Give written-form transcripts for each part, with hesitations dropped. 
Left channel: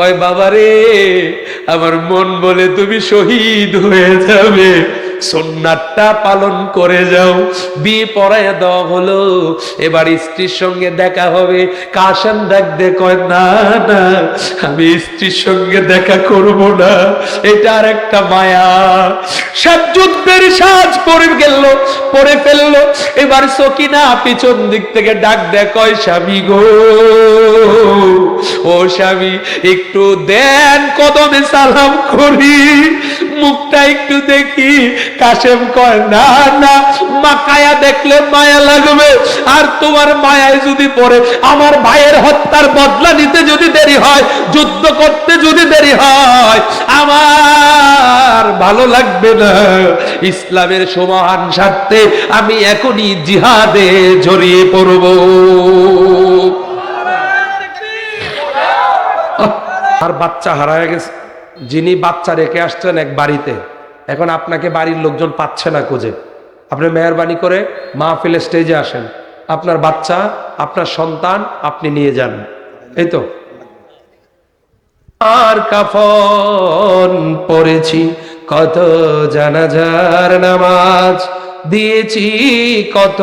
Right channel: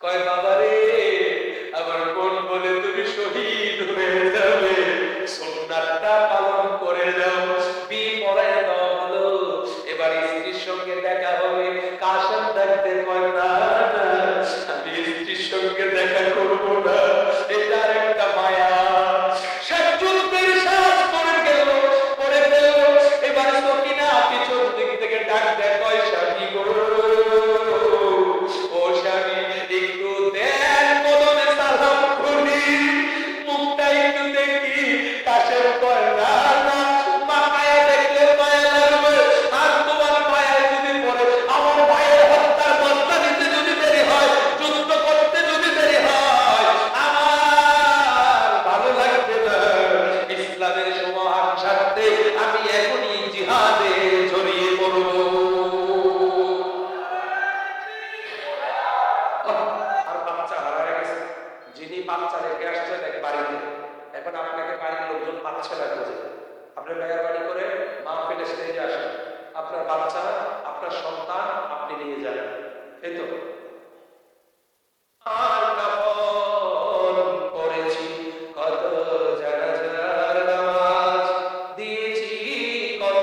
কয় বাবারে, আমার মন বলে তুমি শহীদ হয়ে যাবে, সুন্নাতটা পালন করে যাও। বিয়ে পড়ায় দেওয়া হলো, এবার স্ত্রীর সঙ্গে দেখা হবে। কাশেম ডাকতে কয় না না, আমি স্ত্রীর সঙ্গে দেখা করব না, এটা আর একটা মায়া। সব যুদ্ধের সাজ পরে গেল, পরে ফেললো। এবার সকিনা পিছন দিক থেকে ডাক দেয়, কয় স্বামী গো, ও স্বামী একটু দেন, কদমে সালাম করি, মুখটা একটু দেখি। কাশেম কয় না না, মাকায়া দেখলে মায়া লাগবে, আর তোমার মায়ায় যদি পড়ে আমার ভাইয়ের হত্যার বদলা নিতে যদি দেরি হয়, যুদ্ধ করতে যদি দেরি হয়, আমার ভালো লাগবে না। ইসলামের সমান স্বার্থে আমি এখনই জিহাদে জড়িয়ে পড়ব। আর বাচ্চা হারায় গেছে, যিনি বাচ্চা রেখে আসছেন এক বাড়িতে, এখন আপনাকে বাড়ির লোকজন পাচ্ছে না খুঁজে, আপনি মেহরবানি করে মাহফিলের স্টেজে আসেন, আপনার বাচ্চা, আপনার সন্তান আপনি নিয়ে যান। এই তো। আর কাফন পড়েছি, কত জানাজার নামাজ দিয়েছি, কত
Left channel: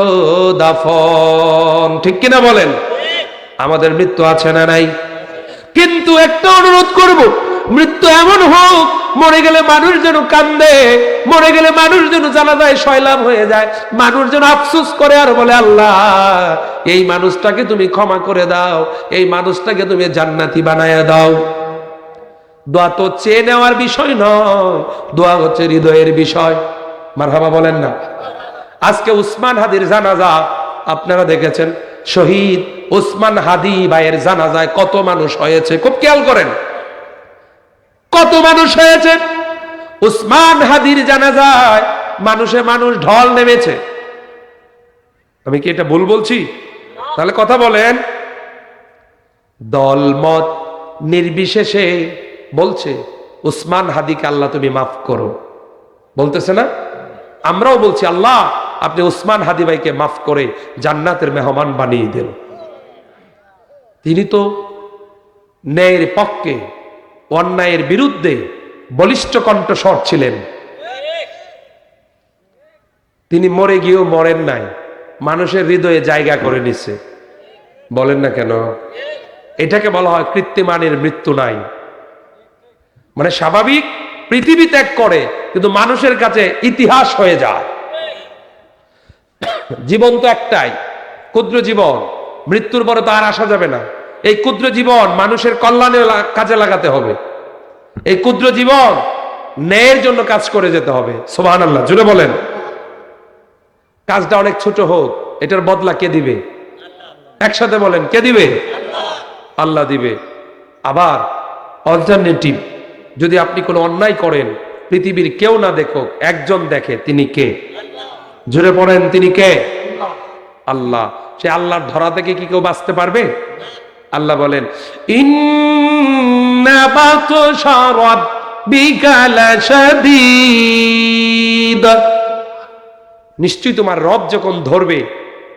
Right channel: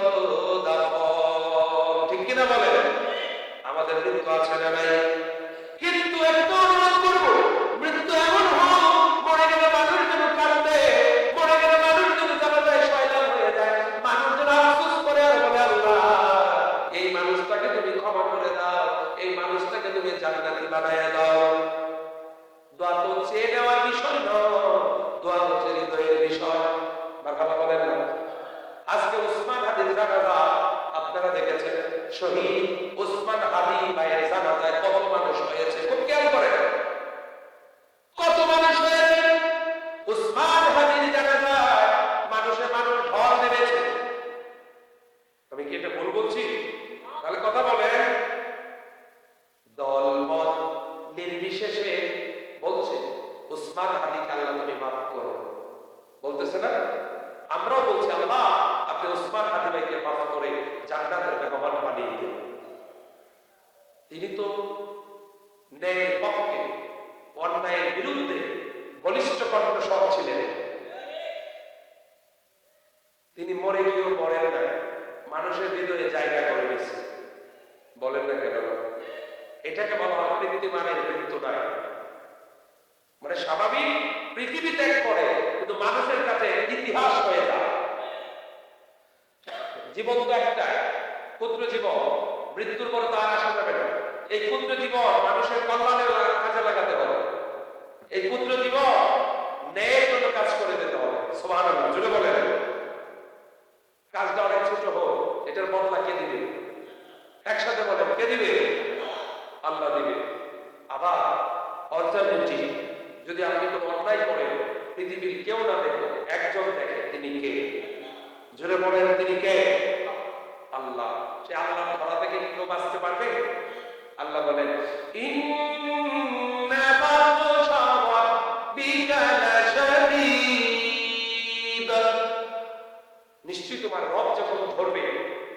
দাফন, ঠিক কিনা বলেন? আমাদের মৃত্যু আছে না নাই? কিন্তু একটা অনুরোধ করব, মৃত্যু এমন হোক, মরে গেলে মানুষ যেন কান্দে, মরে গেলে মানুষ যেন জানাজায় সয়লাভ হয়ে যায়, মানুষ যেন আফসোস করে আর বলে আল্লাহ এই মানুষটাকে তুমি ক্ষমা করে দাও, এই মানুষটাকে তুমি জান্নাতি বানায়া দাও। দোয়া তো চেয়ে নেওয়ার বিষয় নয়, দোয়া হচ্ছে হৃদয়ের বিষয়। মারহাবা বলেন না? আজকে উসমান হাদির জানাজা আপনারা দেখেছেন, শহীদ উসমান হাদি ভাইয়ের জানাজায় কত মানুষ হয়েছে, খুব খেয়াল করেন, কত মানুষ হয়েছে। উসমান হাদির জানাজায় মানুষে মানুষ ঢল নেমেছে। আমি কি এটা ভুল বলছি? তাহলে কথা বলেন। দলমত নির্বিশেষে বলছে উসমান হাদিকে আল্লাহ তুমি মাফ করো, বলতেছে না? আমরাও বলছি আল্লাহ আপনি উসমান হাদি ভাইকে মাফ করে জান্নাতের মেহমান বানিয়ে দেন। তিনি তো ন্যায়ের পক্ষে, অন্যায়ের বিরুদ্ধে বলিষ্ঠ কণ্ঠস্বর ছিলেন। তিনি মরে গিয়েও মরেন নাই, মানুষের হৃদয়ে জায়গা করে নিছে। বলেন না কেন? এটাকে বলা হয় কৃত্রিমানের মৃত্যু নাই। মানে স্বাভাবিক পৃথিবী ত্যাগ করে, কিন্তু মানুষের কাছে ইতিহাস হয়ে যায়। জীবন তো একটাই, ক্ষুদ্র জীবন, মৃত্যুর পরে তো আর আসা যাবে না। এই ক্ষুদ্র জীবন মানুষের কল্যাণে কাজে লাগাতে হবে। এই ক্ষুদ্র জীবন ন্যায়ের জন্য কাজ করে যেতে হবে। সুবহানাল্লাহ, জুড়ে বলেন। কাজটা অনেক ছোট হোক, এটার বদলা কে দিবে? একসাথে বলেন, কে দিবে? আল্লাহ দিবে। আবার অল্টারনেটিভ, যদি আপনি কোনো অন্যায় করেন, পৃথিবীর কেউ না দেখুক, একজন দেখে, তিনি কে? জুড়ে পড়েন, তিনি কে? আল্লাহ। সে আল্লাহর ধরা থেকে কি কেউ বাঁচতে পারবে? আল্লাহ বলেন ইন্না বাতশা রাব্বিকা লাশাদীদ, নিশ্চয়ই তোমার রব যখন ধরবে,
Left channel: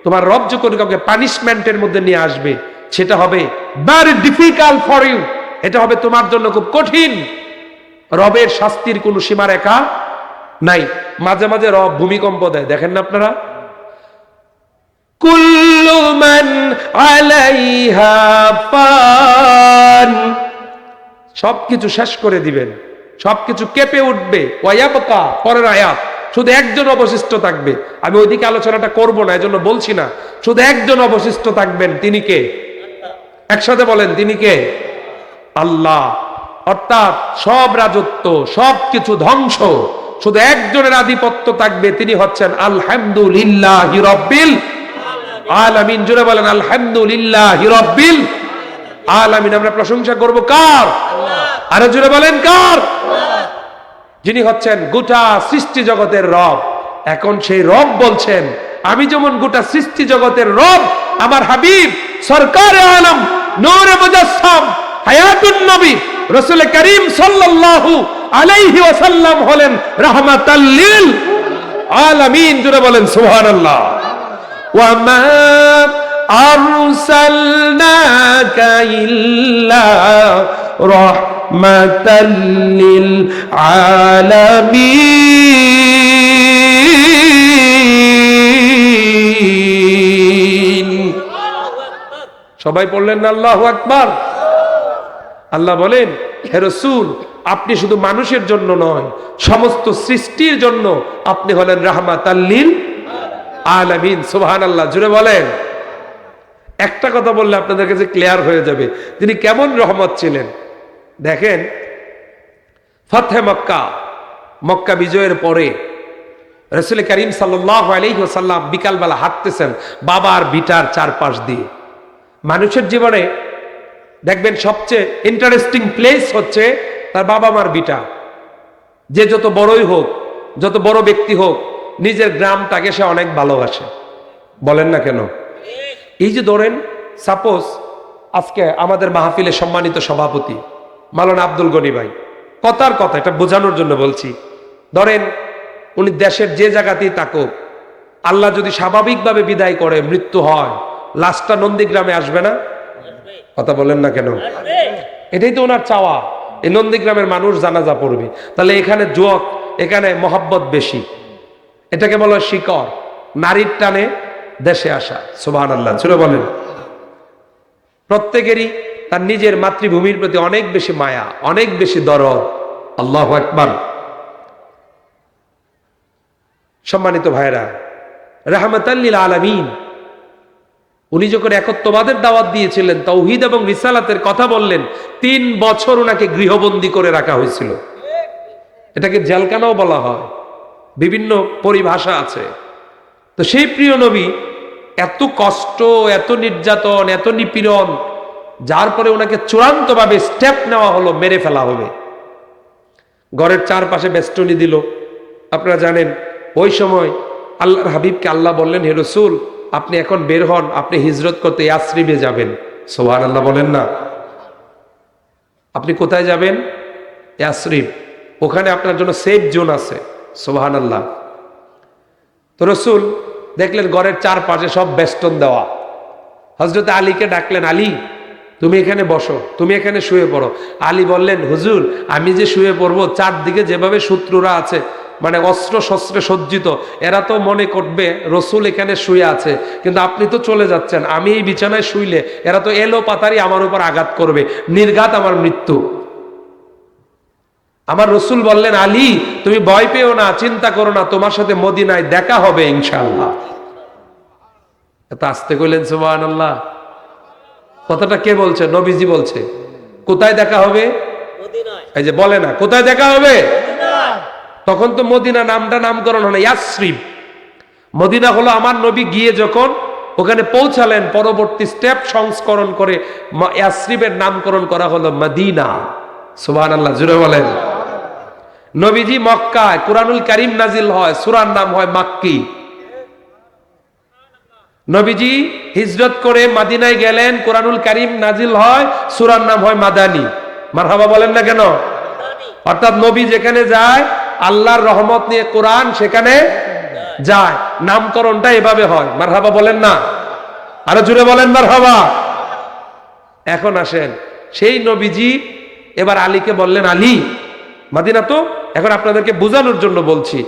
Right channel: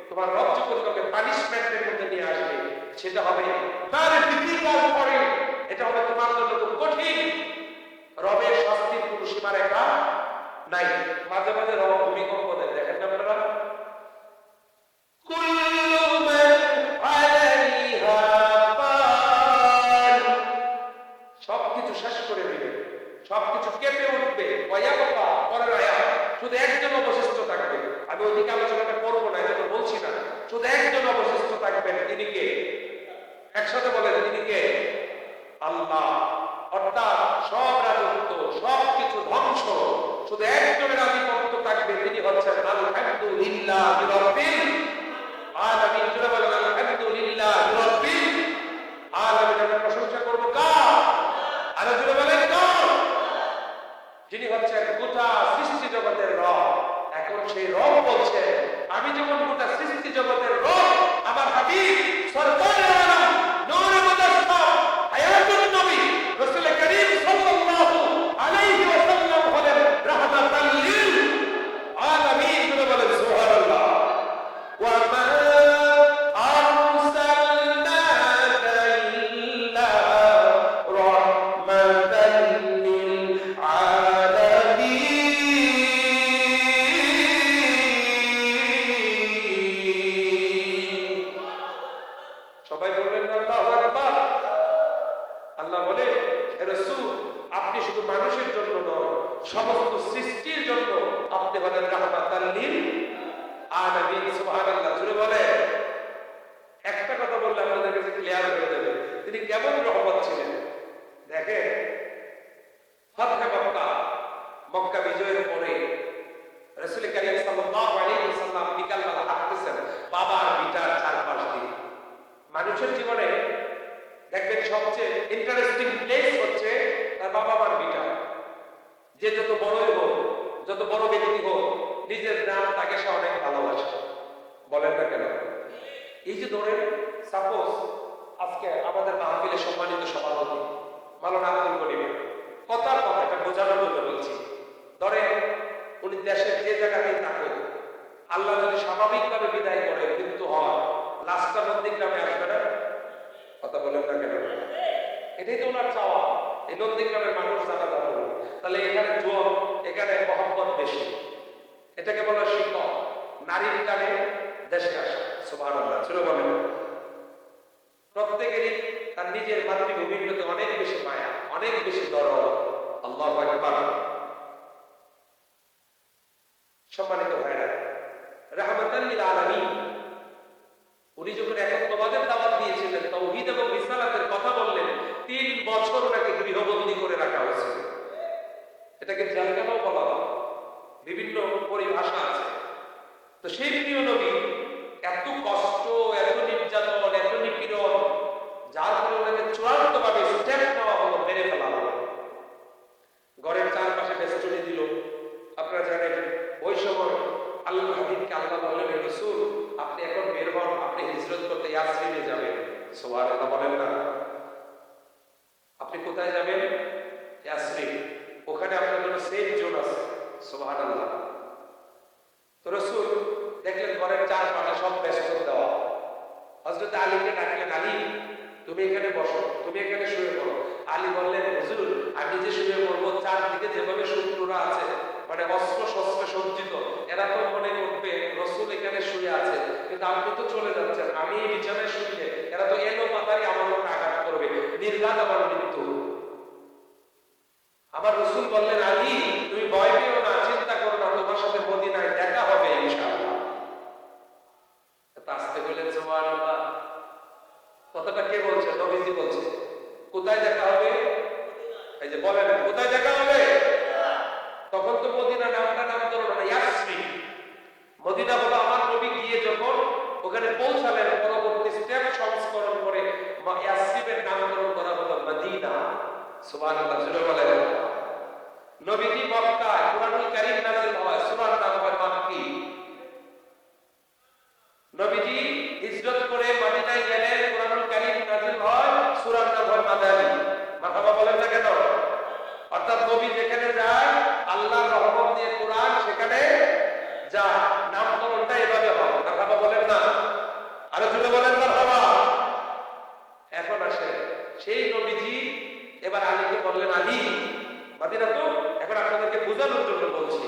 তোমার রব যখন কাউকে পানিশমেন্টের মধ্যে নিয়ে আসবে, সেটা হবে ভেরি ডিফিকাল্ট ফর ইউ, এটা হবে তোমার জন্য খুব কঠিন। রবের শাস্তির কোনো সীমারেখা নাই। মাঝে মাঝে রব ভূমিকম্প দেয়, দেখেন না আপনারা? কুল্লু মান আলাইহা ফান, সবকিছু শেষ করে দিবেন, সবকিছু কেঁপে উঠবে। ওয়ায়াবকা, পরের আয়াত, শুধু একজন অবশিষ্ট থাকবে। আমি ওইদিকে আলোচনাটা করব না, এজন্য বলছি না। শুধু একজন অবশিষ্ট থাকবেন, তিনি কে? একসাথে বলেন, তিনি কে? আল্লাহ। অর্থাৎ সব রাজত্ব, সবকিছু ধ্বংস, শুধু একজনের আধিপত্য থাকবে, তিনি হচ্ছেন আলহামদুলিল্লাহি রাব্বিল আলামিন। জোরে বলেন আলহামদুলিল্লাহি রাব্বিল আলামিন। আমরা প্রশংসা করব কার? আরে জোরে বলেন কার? যিনি হচ্ছেন গোটা সৃষ্টি জগতের রব। এখন সেই রব বলছেন, আমি যেমন গোটা সৃষ্টি জগতের রব, আমার হাবিব সরকারে আলম নূরে মুজাসসাম হায়াতুন নবী রাসূল করিম সাল্লাল্লাহু আলাইহি ওয়াসাল্লাম হলেন রাহমাতাল লিল আলামিন। জোরে বলেন সুবহানাল্লাহ। ওয়া মা আরসালনাকা ইল্লা রাহমাতাল লিল আলামিন। সবাই পড়লেন না আল্লাহু আকবার? আল্লাহ বলেন, হে রাসূল, আপনি শুধু মানুষের জন্য নয়, সমস্ত সৃষ্টির জন্য আপনি হলেন রাহমাতাল লিল আলামিন। সুবহানাল্লাহ, জুড়ে বলেন। একটা কথা বললে আপনাদের কাছে ক্লিয়ার হয়ে যাবে তিনি কেমন রহমত ছিলেন। দেখেন, ফাতহে মক্কা, মক্কা বিজয়ের পরে রাসূল করিম সাল্লাল্লাহু আলাইহি ওয়াসাল্লাম বিকালবেলা হাঁটতেছেন বাবার ভিটার চারপাশ দিয়ে। মানুষের জীবনে দেখবেন সবচেয়ে ইন্টারেস্টিং প্লেস হচ্ছে তার বাবা মার ভিটা। যে যত বড়ই হোক, যত বড় ব্যক্তি হোক, নিজের গ্রামটাকে সে অনেক ভালোবাসে। বলেন না কেন? এই যে ধরেন, সাপোজ আজকে আমাদের মাহফিলে সম্মানিত সভাপতি মাওলানা আব্দুল গনি ভাই, কথার কথা, এটা বোঝানোর জন্য বলছি, ধরেন উনি দেশের যে জায়গাতেই থাকুক, আল্লাহ যদি স্বাভাবিকভাবে বিদায় করে, মৃত্যু হয়, লাশটা নন্দীগ্রামে আসবে না? কথা বলেন না কেন? এটাই তো ওনার চাওয়া, এই নন্দীগ্রামের মানুষ জানাজা পড়বে। তাহলে এখানে যুবক, এখানে মহব্বত বেশি, এটাকে বলা হয় শিকড়, নারীর টানে দেশে আসা। সুবহানাল্লাহ, জোরে বলেন। প্রত্যেকেরই তার নিজের মাতৃভূমির প্রতি অনেক বেশি মায়া, অনেক বেশি দরদ। আল্লাহু আকবার। সম্মানিত ভাইরা, রাহমাতাল লিল আলামিন, উনি যখন একত্ববাদের দাওয়াত দিয়েছিলেন, তাওহীদ এবং রিসালাতের কথা বললেন, 3 বছর ওনাকে গৃহবন্দী করে রাখা হয়েছিল। এটাকে জেলখানাও বলা হয়, বিভিন্ন পরিভাষা আছে। তো সেই প্রিয় নবী এত কষ্ট, এত নির্যাতন, এত নিপীড়ন, যার পরে ওনাকে চূড়ান্তভাবে স্টেপ নেওয়া হলো, মেরে ফেলা হবে। ঘরের চারপাশে বেষ্টনী দিল। আপনারা জানেন, ওই সময় আল্লাহর হাবিবকে আল্লাহ বললেন, হে রাসূল, আপনি এখন বের হন, আপনি হিজরত করতে ইয়াসরিবে যাবেন। সুবহানাল্লাহ বলেন না? আপনি কোথায় যাবেন? ইয়াসরিব। ওখানে আপনার জন্য সেফ জোন আছে। সুবহানাল্লাহ। তো রাসূল দেখলেন ঘরের চারপাশে সব বেষ্টন দেওয়া। হযরত আলীকে ডাকলেন, আলী তুমি এখানে বসো, তুমি এখানে শুয়ে পড়ো। আলী বললেন, হুজুর আমি যে শুয়ে পড়বো, চারদিকে যেভাবে শত্রুরা আছে, মানে অস্ত্র শস্ত্রে সজ্জিত, এরা তো মনে করবে রসুল এখানে শুয়ে আছে, কিন্তু আপনি তো চলে যাচ্ছেন, আমি এই বিছানায় শুইলে এরা তো এলো পাতারি আমার উপর আঘাত করবে, নির্ঘাত আমার মৃত্যু। আমার রসুল বললেন, আলী তুমি ভয় পেও না, চিন্তা করো না, তোমার সাথে মদিনায় দেখা হবে ইনশাআল্লাহ। এত আস্তে কইলেন সুবহানাল্লাহ। কথাটা কে বলছে? নবীজি বলছে। কোথায় দেখা হবে? এই যে বলে না কোথায় দেখা হবে, তখন তো মদিনা নামটা নামকরণ হলো ইয়াসরিব। মদিনা হলো আমার নবী গিয়ে যখন ওখানে পৌঁছালেন, পরবর্তী স্টেপ সংস্করণ করে ইয়াসরিবের নামকরণ করা হলো মদিনা। সুবহানাল্লাহ, জুড়ে বলেন। নবীজি মক্কায় কুরআনুল কারীম নাজিল হয়, সূরার নাম হয় মাক্কি। নবীজি হিজরত করে মদিনায় গেলেন, কুরআনুল কারীম নাজিল হয়, সূরার নাম হয় মাদানী। মারহাবা বলেন না কেন? অর্থাৎ নবী যেখানে যায়, আল্লাহর রহমত নিয়ে কোরআন সেখানে যায়, নামকরণটা এভাবে হয়। মারহাবা বলেন না? আরো জুড়ে বলেন মারহাবা। এখন আসেন, সেই নবীজি এবার আলীকে বললেন, আলী মদিনা তো, এখন আপনাদেরকে বোঝানোর জন্য বলছি।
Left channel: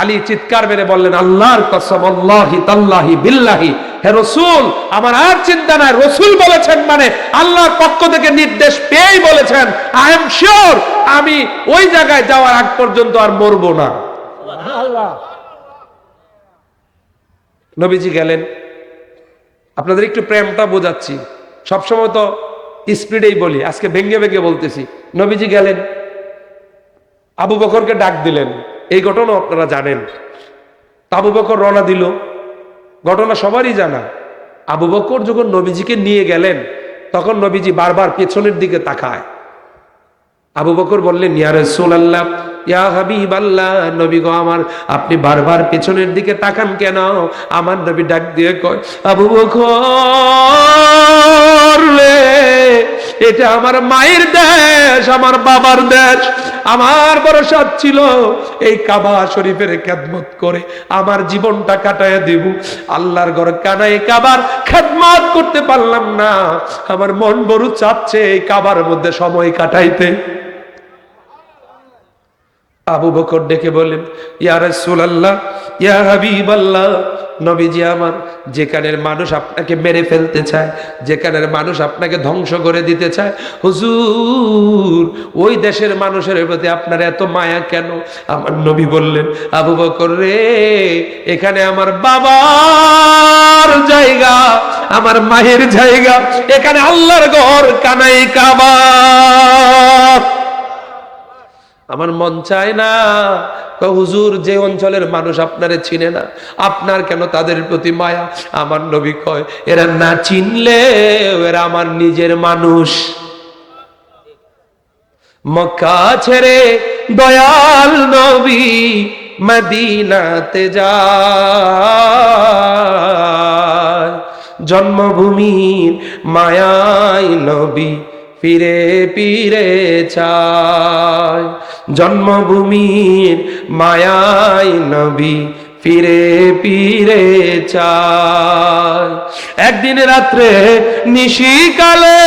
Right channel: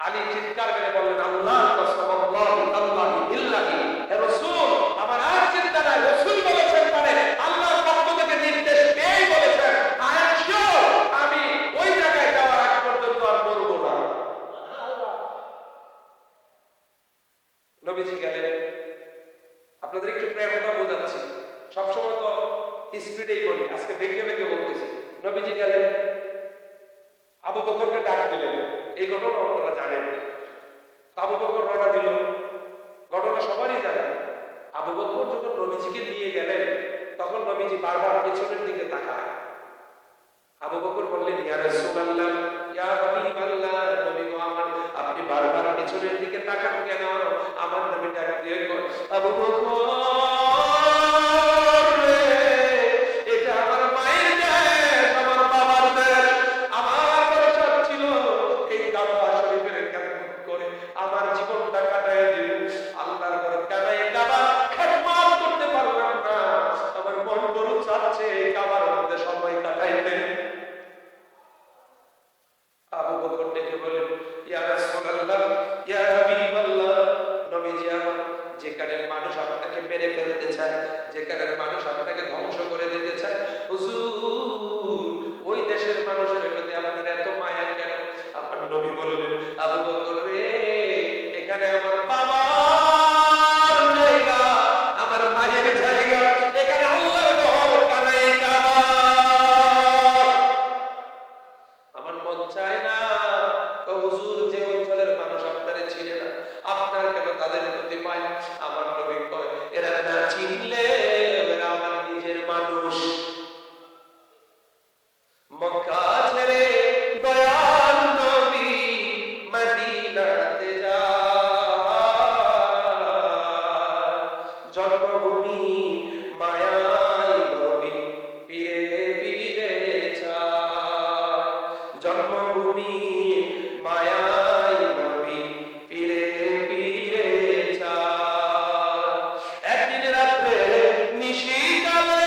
আলী চিৎকার মেরে বললেন, আল্লাহর কসম, আল্লাহি তাল্লাহি বিল্লাহি, হে রাসূল আমার আর চিন্তা নাই, রাসূল বলেছেন মানে আল্লাহর পক্ষ থেকে নির্দেশ পেয়েই বলেছেন, আই এম শিওর আমি ওই জায়গায় যাওয়ার আগ পর্যন্ত আর মরবো না। সুবহানাল্লাহ। নবীজি গেলেন। আপনাদের একটু প্রেমটা বোঝাচ্ছি, সবসময় তো স্পিডেই বলি, আজকে ভেঙ্গে ভেঙ্গে বলতেছি। নবীজি গেলেন, আবু বকরকে ডাক দিলেন। এই ঘটনা আপনারা জানেন। আবু বকর রওনা দিল, ঘটনা সবারই জানা। আবু বকর যখন নবীজিকে নিয়ে গেলেন, তখন নবীজি বারবার পেছনের দিকে তাকায়। আবু বকর বললেন, ইয়া রাসূলুল্লাহ, ইয়া হাবিবাল্লাহ, নবী গো আমার, আপনি বারবার পেছনের দিকে তাকান কেন? আমার নবী ডাক দিয়ে কয়, আবু বকর রে, এটা আমার মায়ের দেশ, আমার বাবার দেশ। আমার বড় সাধ ছিল এই কাবা শরীফের খেদমত করে আমার জীবনটা কাটায় দেব। আল্লাহর ঘর কানায় কাবার খেদমত করতে পারলাম না, আমার মন বড় চাচ্ছে এই কাবার মধ্যে সময় কাটাইতে। আবু বকর ডেকে বলেন, ইয়া রাসূলুল্লাহ, ইয়া হাবিবাল্লাহ, নবীজি আমার, যেখানের মানুষ আপনাকে মেরে ফেলতে চায়, যেখানের মানুষ আপনাকে ধ্বংস করে দিতে চায়, হুজুর ওই দেশের মানুষের প্রতি আপনার এত মায়া কেন? আমার নবী বললেন, আবু বকর রে, এখানে আমার বাবার জায়গা, আমার মায়ের জায়গা, এখানে আল্লাহর ঘর কানাই কাবা। আমার মন চায় না হুজুর যে অঞ্চলের মানুষ আপনারে চিনে না, আপনার কেন তাদের প্রতি মায়া? আমার নবী কয়, এরা না চিনলে এরা আমার নিজের মানুষ। মক্কা ছেড়ে দয়াল নবী মদিনাতে যায়, জন্মভূমির মায়ায় নবী ফিরে ফিরে চায়, জন্মভূমির মায়ায় নবী ফিরে ফিরে চায়। একদিন রাত্রে নিশিকালে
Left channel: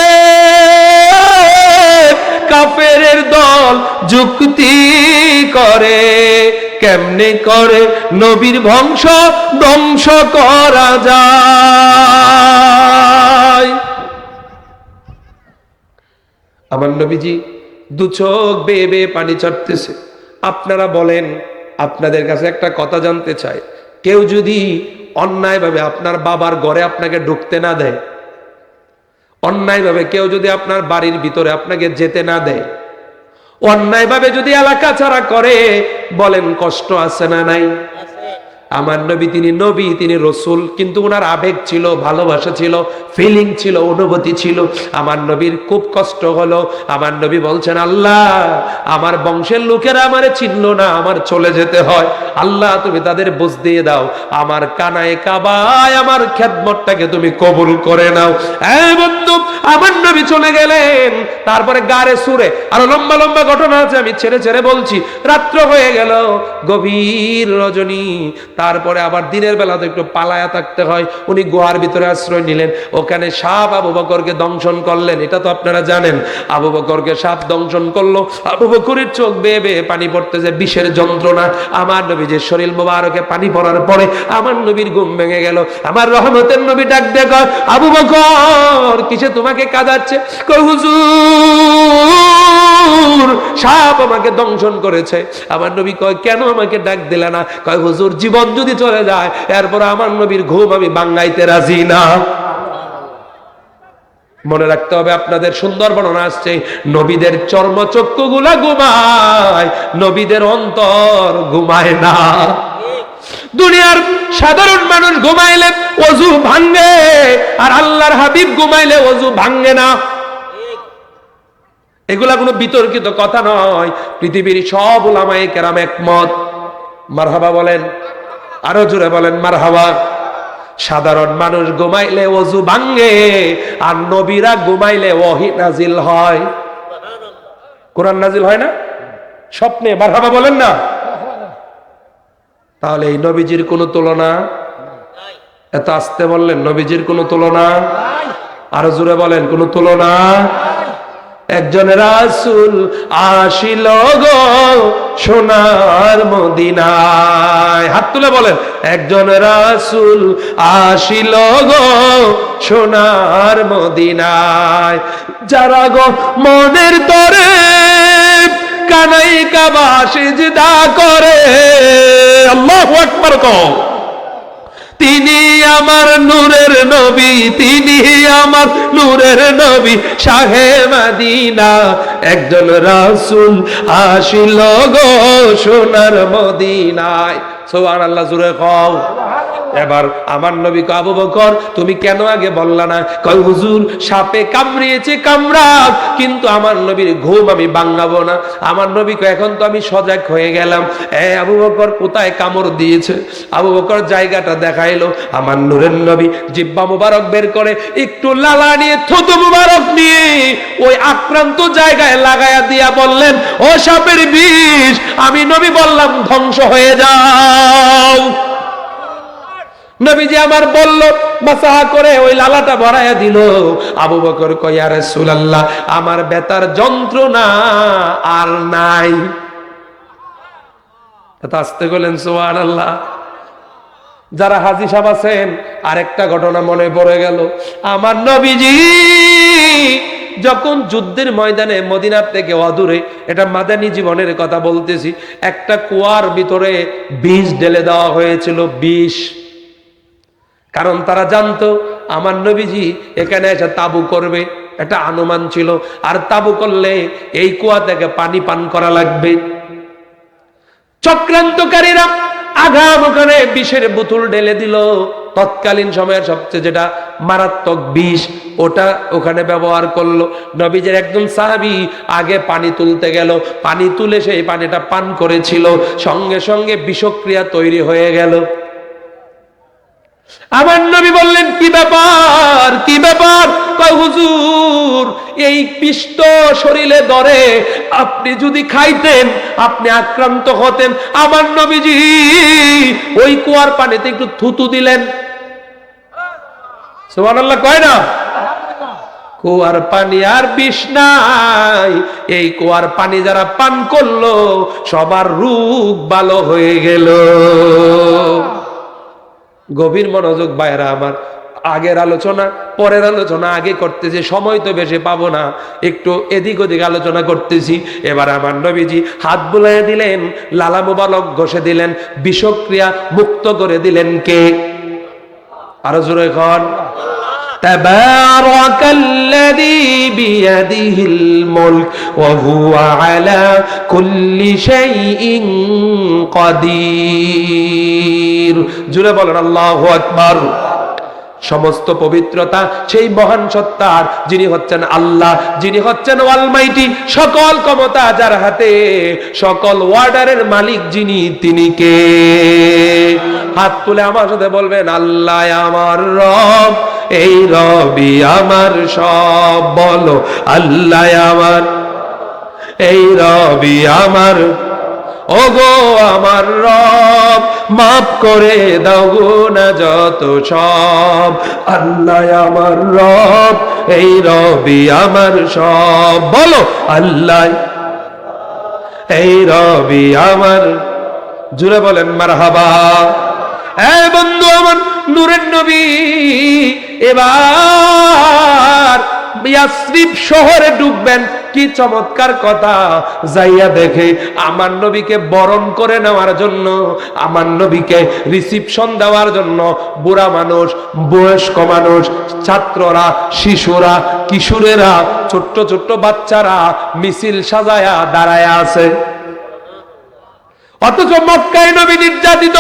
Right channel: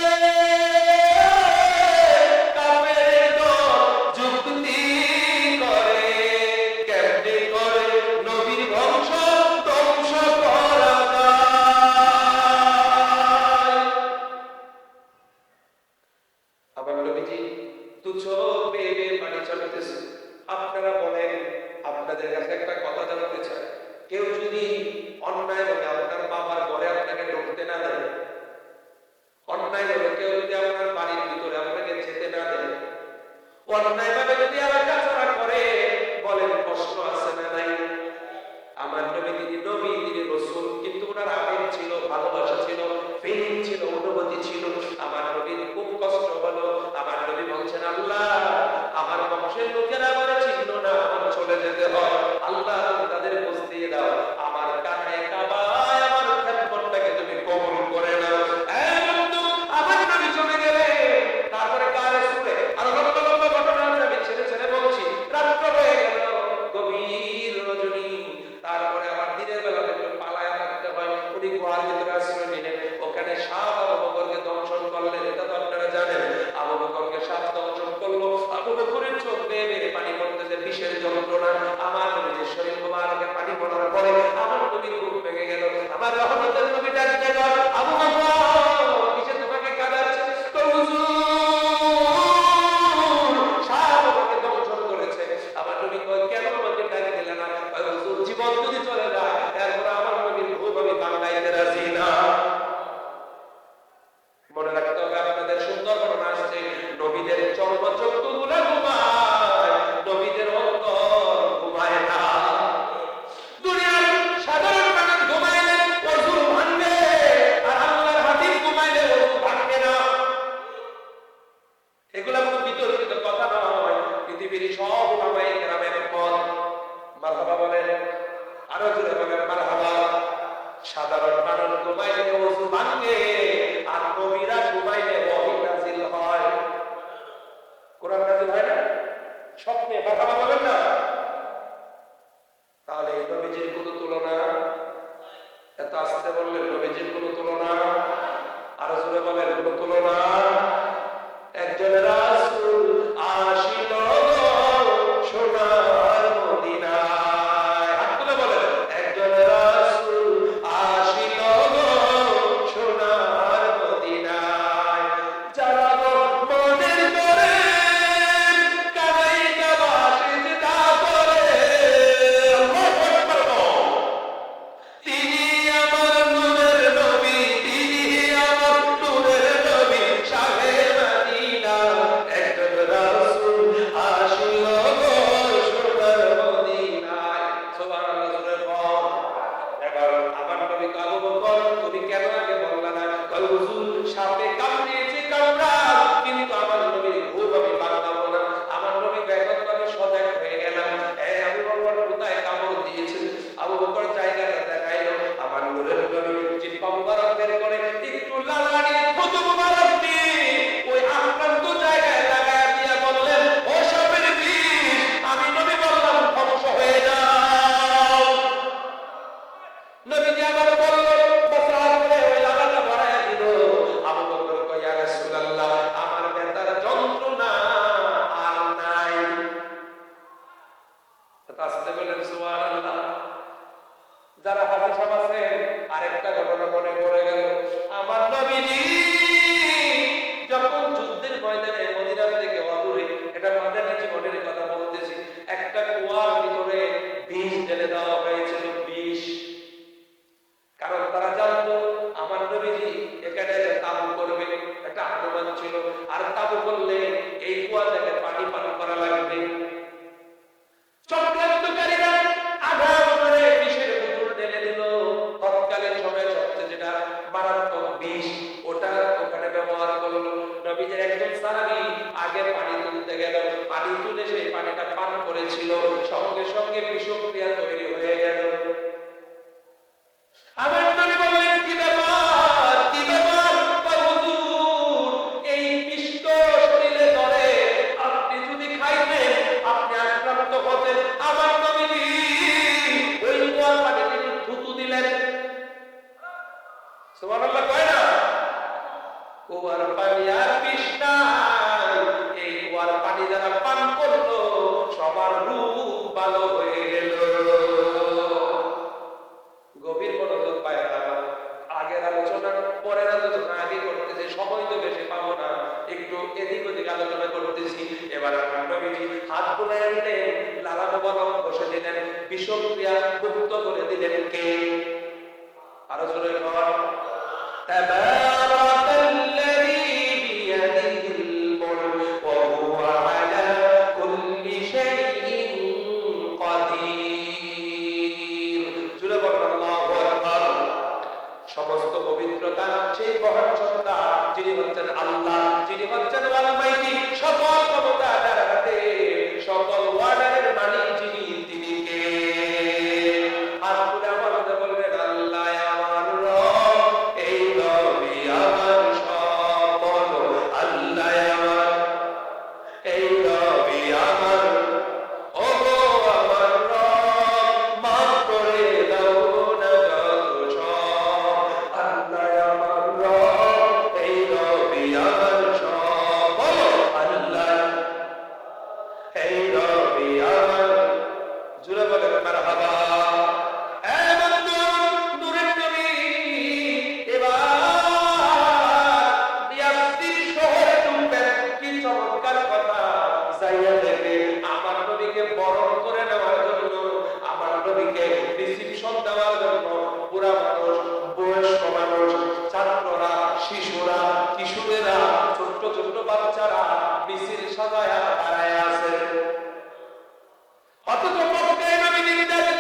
কাফেরের দল যুক্তি করে, কেমনে করে নবীর বংশ ধ্বংস করা যায়। আমার নবীজি দু চোখ বেয়ে বেয়ে পানি চড়তেছে। আপনারা বলেন, আপনাদের কাছে একটা কথা জানতে চাই, কেউ যদি অন্যায়ভাবে আপনার বাবার ঘরে আপনাকে ঢুকতে না দেয়, অন্যায়ভাবে কেউ যদি আপনার বাড়ির ভিতরে আপনাকে যেতে না দেয়, অন্যায়ভাবে যদি এলাকা ছাড়া করে, বলেন কষ্ট আছে না নাই? আমার নবী, তিনি নবী, তিনি রসুল, কিন্তু ওনার আবেগ ছিল, ভালোবাসা ছিল, ফিলিং ছিল, অনুভূতি ছিল। আমার নবীর খুব কষ্ট হলো। আমার নবী বলছেন, আল্লাহ আমার বংশের লোকেরা আমারে চিনলো না, আমার চলে যেতে হয়, আল্লাহ তুমি তাদের বুঝ দিয়ে দাও, আমার কানায় কাবায় আমার খেদমতটাকে তুমি কবুল করে নাও। এই বন্ধু, আমার নবী চলে গেলেন। তারপরে গারে সুরে আরো লম্বা লম্বা ঘটনা আছে, আমি ছেড়ে ছেড়ে বলছি। রাত্র হয়ে গেল, গভীর রজনী, তারপরে আবার দিনের বেলা তো একটু পালায়া থাকতে হয়। উনি গুহার ভিতরে আশ্রয় নিলেন, ওখানে সাপ আবু বকরকে দংশন করলেন, এটা তো আপনারা জানেন। আবু বকরকে সাপ দংশন করলো, আবু বকরের চোখ বেয়ে বেয়ে পানি পড়তেছে, বিষের যন্ত্রণা। আমার নবীর শরীর মোবারকে পানি পড়ার পরে আমার নবীর ঘুম ভেঙে গেল। আমার রহমতের নবী ডাক দিয়ে কয়, আবু বকর কিসে তোমাকে কাঁদাচ্ছে? কয়, হুজুর সাপ আমাকে দংশন করেছে। আমার নবী কয়, কেন আমাকে ডাক দিলে না? কয়, হুজুর জীবন যদি চলে যায় এরপর আমার নবীর ঘুম আমি ভাঙাইতে রাজি না। মনে রাখতে হবে, আপনাদের সুন্দর বর্ণনা আসছে, নবীদের চর্মচক্ষু গুলা ঘুমায়, নবীদের অন্তর ঘুমায় না। দুনিয়ার সাধারণ মানুষ ঘুমাইলে ওযু ভাঙে, আর আল্লাহর হাবিব ঘুমাইলে ওযু ভাঙে না। এগুলা কোনো বিতর্কিত কথা নয়, পৃথিবীর সব উলামায়ে কেরাম একমত। মারহাবা বলেন, আরো জোরে বলেন মারহাবা। সাধারণ মানুষ ঘুমাইলে ওযু ভাঙে, আর নবীরা ঘুমাইলে ওহী নাজিল হয়, কোরআন নাজিল হয় না স্বপ্নে। মারহাবা বলেন না। তাহলে এই নবীজির কোনো তুলনা? এত আস্তে বললেন, নবীজির কোনো তুলনা? আরো জোরে বলেন, কোনো তুলনা? একজন রাসূল আসিল গো সোনার মদিনায়, হাত তুলে বলেন, একজন রাসূল আসিল গো সোনার মদিনায়, যারা গো মনের তরে কানাই কাবা সিজদা করে, আল্লাহু আকবার কও, তিনি আমার নূরের নবী, তিনি আমার নূরের নবী, শাহে মদিনা। একজন রাসূল আসিল গো সোনার মদিনায়। সুবহানাল্লাহ, জোরে কও। এবার আমার নবী কয়, আবু বকর তুমি কেন আগে বললা না? কয় হুজুর সাপে কামড়িয়েছে কামড়াক, কিন্তু আমার নবীর ঘুম আমি ভাঙাবো না। আমার নবী কয় এখন তো আমি সজাগ হয়ে গেলাম। আবু বকর কোথায় কামড় দিয়েছে? আবু বকর জায়গাটা দেখাইলো। আমার নূরের নবী জিহ্বা মুবারক বের করে একটু লালা নিয়ে থুতু মুবারক নিয়ে ওই আক্রান্ত জায়গায় লাগায়া দিয়া বললেন, ও সাপের বিষ, আমি নবী বললাম ধ্বংস হয়ে যাও। নবীজি আমার বলল, মাসাহা করে ওই লালাটা ভরাইয়া দিল। আবু বকর কয়, ইয়া রাসূলুল্লাহ আমার ব্যথার যন্ত্রণা আর নাই। আস্তে বলেন সুবহানাল্লাহ। যারা হাজী সাহেব আছেন, আরেকটা ঘটনা মনে পড়ে গেল। আমার নবীজি যখন যুদ্ধের ময়দানে মদিনার থেকে অদূরে, এটা মাদানী জীবনের কথা বলতেছি, একটা কুয়ার ভিতরে বিষ ঢেলে দেওয়া হয়েছিল, বিষ। কারণ তারা জানতো আমার নবীজি এখানে এসে তাবু করবে, এটা অনুমান ছিল। আর তাবু করলে এই কুয়া থেকে পানি পান করা লাগবে। চক্রান্তকারীরা আগাম ওখানে বিষের বোতল ঢেলে দিল। তৎকালীন সময়ের সবচেয়ে যেটা মারাত্মক বিষ, ওটা ওখানে ব্যবহার করলো। নবীজের একজন সাহাবী আগে পানি তুলতে গেল, পানি তুলে সেই পানিটা পান করেছিল, সঙ্গে সঙ্গে বিষক্রিয়া তৈরি হয়ে গেল। আমার নবী বললেন, কি ব্যাপার কি ব্যাপার? কয় হুজুর এই বিষ তো শরীরে ধরে, আপনি যদি খাইতেন আপনি আক্রান্ত হতেন। আমার নবীজি ওই কুয়ার পানিতে একটু থুতু দিলেন। সুবহানাল্লাহ কয় না? কুয়ার পানি আর বিষ নাই। এই কুয়ার পানি যারা পান করলো সবার রোগ ভালো হয়ে গেল। গভীর মনোযোগ ভাইরা আমার, আগের আলোচনা পরের আলোচনা আগে করতেছি, সময় তো বেশি পাবো না, একটু এদিক ওদিক আলোচনা করতেছি। এবার আমার নবীজি হাত বুলাইয়া দিলেন, লালা মুবারক ঘষে দিলেন, বিষক্রিয়া মুক্ত করে দিলেন কে? আরো জোরে কর। তাবারাকাল্লাযী বিয়াদিহিল মুলক ওয়া হুয়া আলা কুল্লি শাইইন কাদির। জোরে বলেন আল্লাহু আকবার। সমস্ত পবিত্রতা সেই মহান সত্তার, যিনি হচ্ছেন আল্লাহ, যিনি হচ্ছেন অলমাইটি, সকল ক্ষমতা যার হাতে, সকল ওয়ার্ডারের মালিক যিনি, তিনি কে? হাত তুলে আমার সাথে বলবেন, আল্লাহ আমার রব, এই রবি আমার সব। বলো আল্লাহ আমার, এই রবি আমার, ওগো আমার রব, মাফ করে দাও গুনাহ যত সব। আল্লাহ আমার রব, এই রবি আমার সব। বলো আল্লাহ, এই রবি আমার। জুড়ে বলেন মারহাবা। বন্ধু আমার, নূরের নবী এবার ইয়াসরিব শহরে ঢুকবেন। কি চমৎকার কথা! যাইয়া দেখে আমার নবীকে বরণ করে নেওয়ার জন্য, আমার নবীকে রিসিপশন দেওয়ার জন্য বুড়া মানুষ, বয়স্ক মানুষ, ছাত্ররা, শিশুরা, কিশোরেরা, ছোট্ট ছোট্ট বাচ্চারা মিছিল সাজায়া দাঁড়ায় আছে। অথচ মক্কায় নবী নির্যাতিত,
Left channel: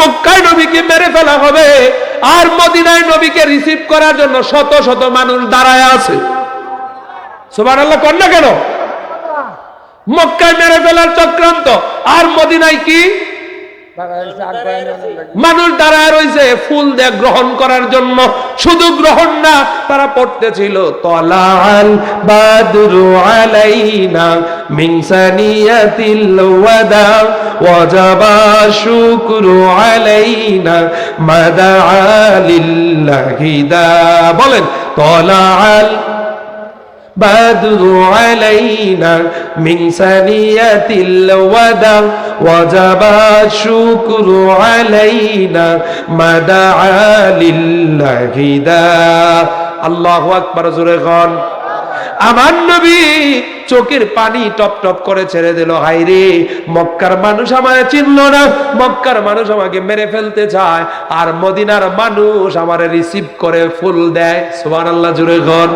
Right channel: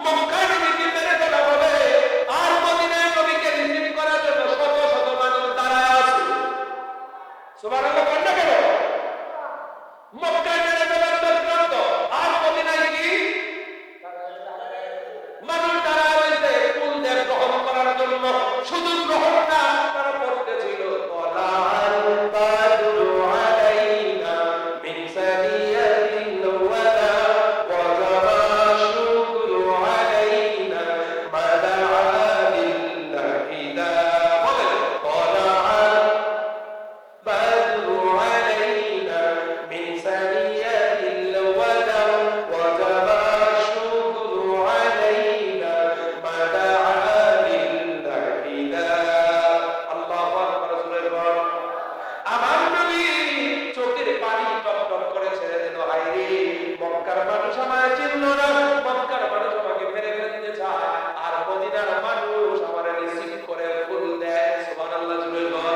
মক্কায় নবীকে মেরে ফেলা হবে, আর মদিনায় নবীকে রিসিভ করার জন্য শত শত মানুষ দাঁড়ায় আছে। সুবহানাল্লাহ কর না কেন? মক্কায় মেরে ফেলার চক্রান্ত, আর মদিনায় কি মানুষ দাঁড়ায় রয়েছে ফুল দিয়ে গ্রহণ করার জন্য। শুধু গ্রহণ না, তারা পড়তেছিল তলাল বাদরু আলাইনা মিন সানিয়াতিল ওয়াদা ওয়াজাবা শুকরু আলাইনা মাদা লিল্লাহি দা। বলেন তলাল বাদরু আলাইনা মিন সানিয়াতিল ওয়াদা ওয়াজাবা শুকরু আলাইনা মাদা লিল্লাহি দা। আল্লাহু আকবার। জোরে বল। আমার নবী চোখের পানি টপ টপ করে ছেড়ে দিল। হায়রে, মক্কার মানুষ আমারে চিনল না, মক্কার মানুষ আমাকে মেরে ফেলতে চায়, আর মদিনার মানুষ আমারে রিসিভ করে ফুল দেয়। সুবহানাল্লাহ, জোরে বল।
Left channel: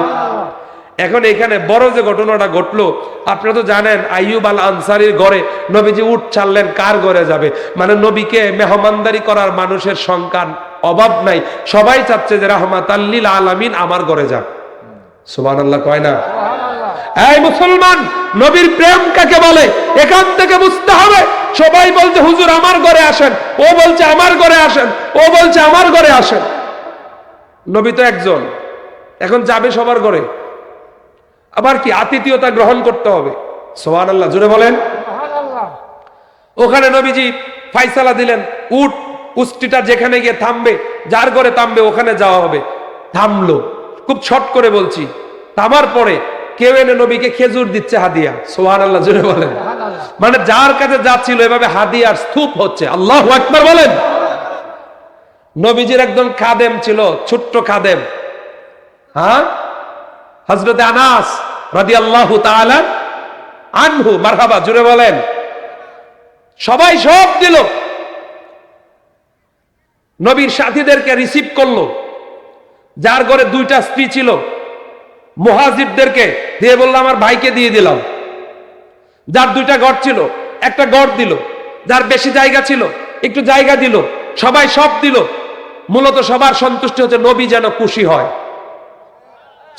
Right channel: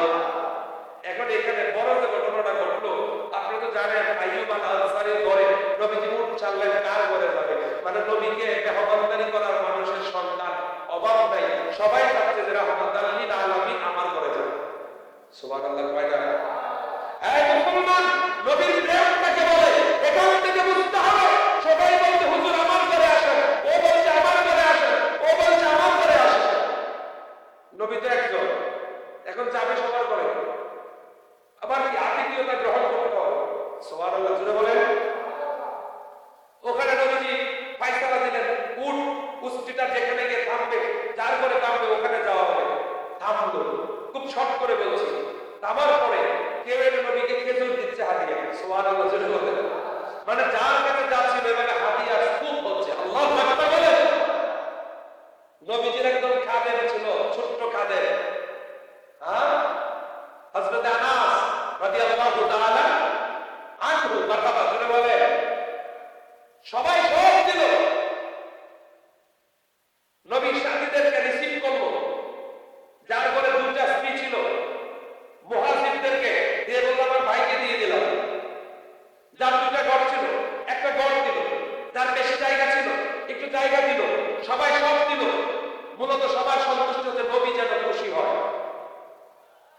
এখন এখানে বড় যে ঘটনাটা ঘটলো, আপনারা তো জানেন আইয়ুব আল আনসারীর ঘরে নবীজি উট ছাড়লেন। কার ঘরে যাবে? মানে নবীকে মেহমানদারি করার মানুষের সংখ্যা অভাব নাই, সবাই চাচ্ছে যে রাহমাতাল লিল আলামিন আমার ঘরে যাক। সুবহানাল্লাহ কয় না? এই মুসলমান, নবীর প্রেম কাকে বলে এখান থেকে বুঝতে হবে। সবাই বলছে হুজুর আমার ঘরে আসেন, ও বলছে আমার ঘরে আসেন, ও বলছে আমার ঘরে আসেন। নবী তো একজন, এখন যাবে সবার ঘরে, আবার কি আতিথেয়তা গ্রহণ করতে হবে। সুবহানাল্লাহ জোরে বলেন। ওখানে নবীজি ফাইসালা দিলেন, উট উষ্টিটা যেখানে গিয়ে থামবে, যার ঘরে থামবে ওখানে যাওয়া হবে। থামলো, খুব শর্ট করে বলছি। থামার পরে কেউ এনে নবীকে খেজুর দিচ্ছে হাদিয়া। সুবহানাল্লাহ জোরে বলেন। মানে যার কাছে যাচ্ছিল এভাবে হাদিয়ার স্তূপ হচ্ছে। আল্লাহু আকবার বলেন। নবীজির একদম খাদেম ছিল, ছোট্ট খাদেম, হ্যাঁ, হযরতে আনাস রাদিয়াল্লাহু তাআলা আনহু। মারহাবা জোরে বলেন। সবাই সব দিল, নবীর সাথীদেরকে রিসিভ করলো। যার ঘরে দুইটা স্ত্রী ছিল মুহাজিরদেরকে দিয়ে বললাম আমার ভাইকে দিয়ে দিলাম। যার দুইটা ঘর ছিল একটা ঘর দিল, যার বেশি জায়গা ছিল একটু জায়গা দিল। সবাই সব দিল। মূলত সবার সন্তুষ্টি হচ্ছে নবী যেন খুশি হয়।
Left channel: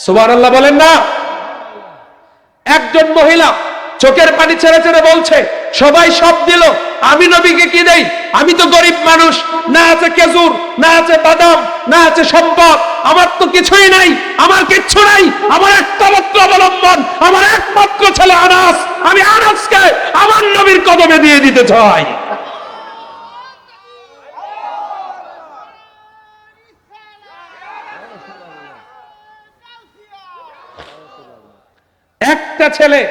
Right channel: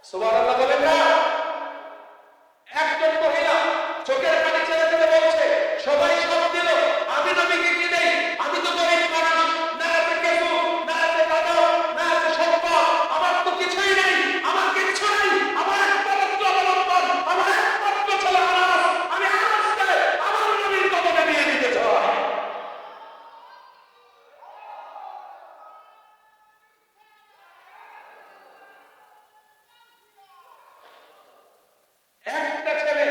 সুবহানাল্লাহ বলেন না। একজন মহিলা চোখের পানি ছেড়ে ছেড়ে বলছে সবাই সব দিল, আমি নবীকে কি দেই? আমি তো গরিব মানুষ, না আছে খেজুর, না আছে বাদাম, না আছে সম্পদ, আমার তো কিছুই নাই, আমার কিচ্ছু নাই। আমার একটা মাত্র অবলম্বন, আমার একমাত্র ছেলে আনাস। আমি আনাসকে আমার নবীর কদমে দিয়ে দিতে চাই। একটা ছেলে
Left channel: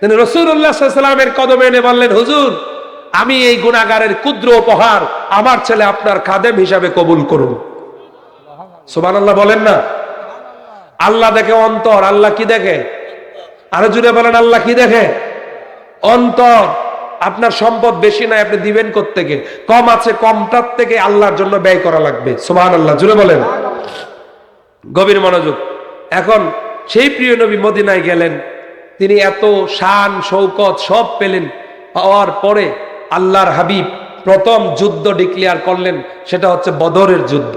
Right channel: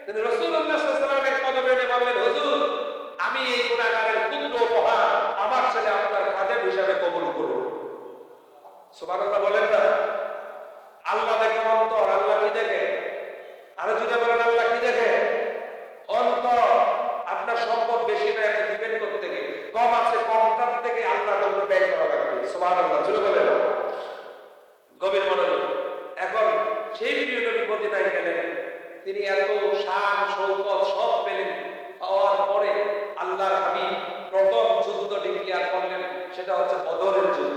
তিনি রাসূলুল্লাহ সাল্লাল্লাহু আলাইহি ওয়াসাল্লামের কদমে এনে বললেন হুজুর আমি এই গুনাহগারের ক্ষুদ্র উপহার আমার ছেলে আপনার খাদেম হিসাবে কবুল করুন। সুবহানাল্লাহ বলেন না। আল্লাহ দেখে অন্তর। আল্লাহ কি দেখে? আরো জুড়ে বলেন আল্লাহ কি দেখে? অন্তর। আপনার সম্পদ বেশি নাই, আপনি দিবেন কোত্থেকে? কম আছে, কমটার থেকে আল্লাহর জন্য ব্যয় করা লাগবে। সুবহানাল্লাহ জুড়ে বলেন। গভীর মনোযোগ। এখন সেই প্রিয় নবী মদিনায় গেলেন, তিনি এত শান শৌকত সব পেলেন। পাওয়ার পরে আল্লাহর হাবিব প্রথম যুদ্ধ ডিক্লেয়ার করলেন, সেটা হচ্ছে বদরের যুদ্ধ।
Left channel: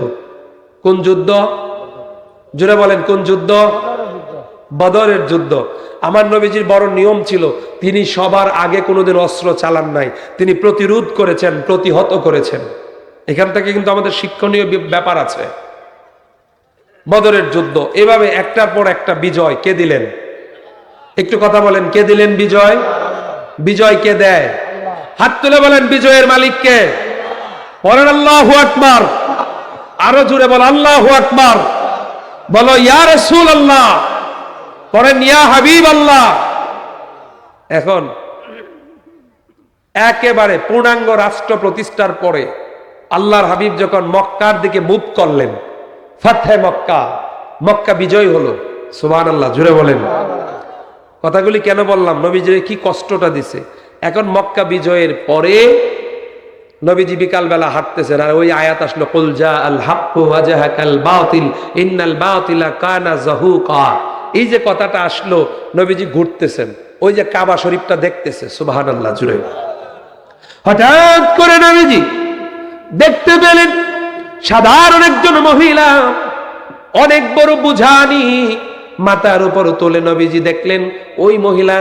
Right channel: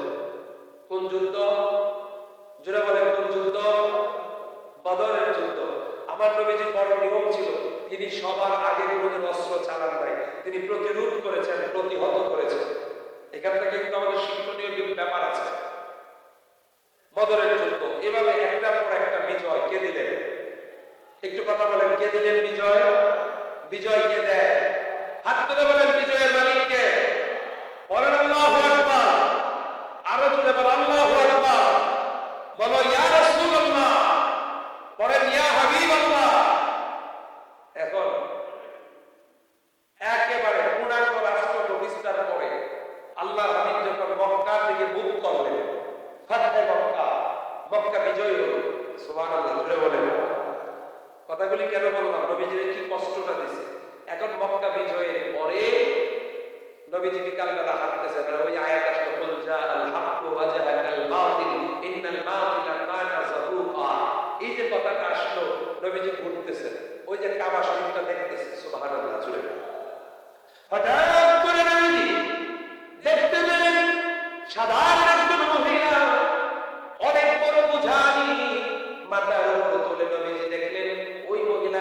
কোন যুদ্ধ? জুড়ে বলেন কোন যুদ্ধ? বদরের যুদ্ধ। আমার নবীজির বড় নিয়ম ছিল, তিনি সবার আগে কোনোদিন অস্ত্র চালান নাই, তিনি প্রতিরোধ করেছেন, প্রতিহত করেছেন। এখান থেকে কিন্তু আমাদের শিক্ষণীয় ব্যাপার আছে। বদরের যুদ্ধ এভাবে একটার পর একটা বিজয় কে দিলেন? একটু কথা বলেন, কে দিলেন বিজয়? বিজয় কে দেয়? হাত তুলে বলেন বিজয়ের মালিক কে? বলেন আল্লাহু আকবার। আরো জোরে বল আল্লাহু আকবার। বলো ইয়া রাসূলুল্লাহ। বলেন ইয়া হাবিবাল্লাহ। এখন একেবারে পূর্ণাঙ্গ রাষ্ট্র প্রতিষ্ঠার পরে আল্লাহর হাবিব যখন মক্কার দিকে মুভ করলেন, ফাতহে মক্কা, মক্কা বিজয় হলো। সুবহানাল্লাহ জোরে বলেন। কথাগুলি কেন বললাম? নবীজির কি কষ্টটা দিছে। এখন মক্কা বিজয়ের পরে নবীজি বিকাল বেলা হাঁটতেছেন, আর ওই আয়াত আসলো কুল জা আল হাক্কু ওয়া জাহাকাল বাতিল ইন্নাল বাতিলা কানা যাহুকা। এই যে কথাটা আসলো, নবীজি ঘুরতেছেন, ওই যে কাবা শরীফটা দেখতেছে। সুবহানাল্লাহ জুড়ে। হঠাৎ করে নবীজি দেখতে পেলেন সাধারণ একজন মহিলা অনেক বড় বুঝানি মাথার উপর তুলে। নবীজি দেখলেন ওই মহিলা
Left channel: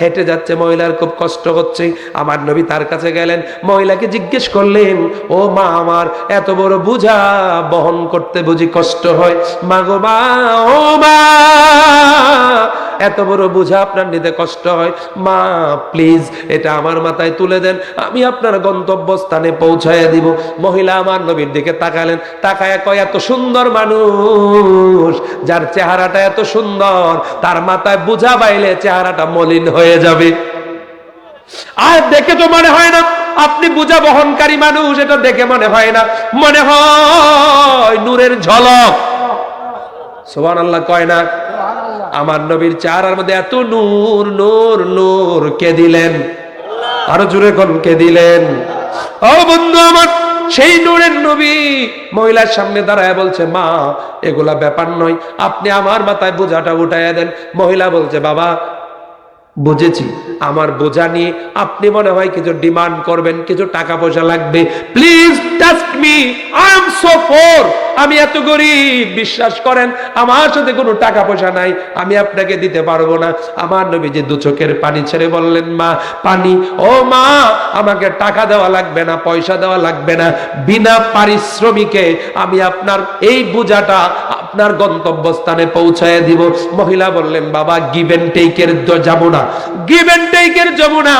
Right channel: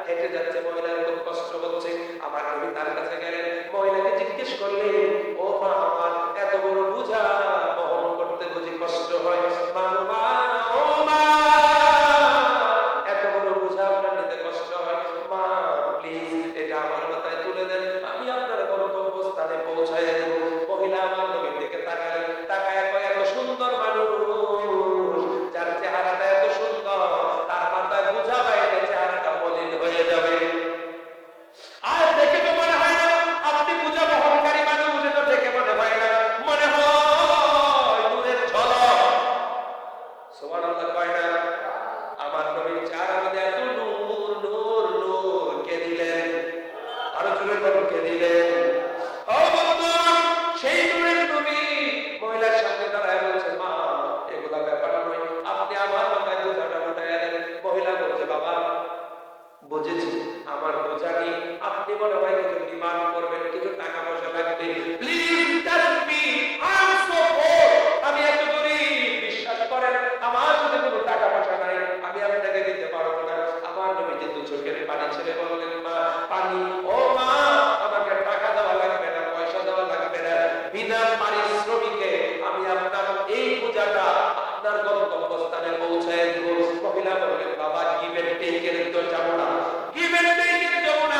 হেঁটে যাচ্ছে, মহিলার খুব কষ্ট হচ্ছে। আমার নবী তার কাছে গেলেন, মহিলাকে জিজ্ঞেস করলেন, ও মা আমার, এত বড় বোঝা বহন করতে বুঝি কষ্ট হয়? মা গো মা, ও মা, এত বড় বোঝা আপনার নিতে কষ্ট হয়? মা প্লিজ এটা আমার মাথায় তুলে দেন, আমি আপনার গন্তব্যস্থানে পৌঁছায় দিব। মহিলা আমার নবীর দিকে তাকালেন, তাকায় কয়, এত সুন্দর মানুষ, যার চেহারাটা এত সুন্দর, তার মাথায় বোঝা বাইলে চেহারাটা মলিন হয়ে যাবে। আর দেখে তো মনে হয় না আপনি বোঝা বহনকারী মানুষ, এটা দেখে মনে হয় না, মনে হয় নূরের ঝলক। সুবহানাল্লাহ কয় না? আমার নবীর চেহারার মধ্যে এত নূর, নূর, নূর কে দিলেন? আরো জোরে কোন কে দিলেন? ও বন্ধু আমার, সেই নূরের নবী মহিলার সামনে দাঁড়ায় বলছে, মা এগুলা ব্যাপার নয়, আপনি আমার মাথায় বোঝাটা উঠাইয়া দেন। মহিলা বলছে, বাবা বুঝেছি, আমার বোঝা নিয়ে আপনি মনে হয় কিছু ডিমান্ড করবেন, কিছু টাকা পয়সা লাগবে, please task me, I am so poor, আমি এত গরিব, বিশ্বাস করেন আমার সাথে কোনো টাকা পয়সা নাই, আমি আপনাকে দিতে পারবো না। আমার নবীজি দু চোখের পানি ছেড়ে বললেন, মা পানি, ও মা আমাকে টাকা দেওয়া লাগবে না, পয়সা দেওয়া লাগবে না, বিনা পারিশ্রমিকে আমি আপনার এই বোঝাটা আপনার গন্তব্যস্থানে পৌঁছায় দিব। মহিলা বললেন, বাবা গিভ এন্ড টেকের যাবো না, গিভ এন্ড টেকের যাবো না,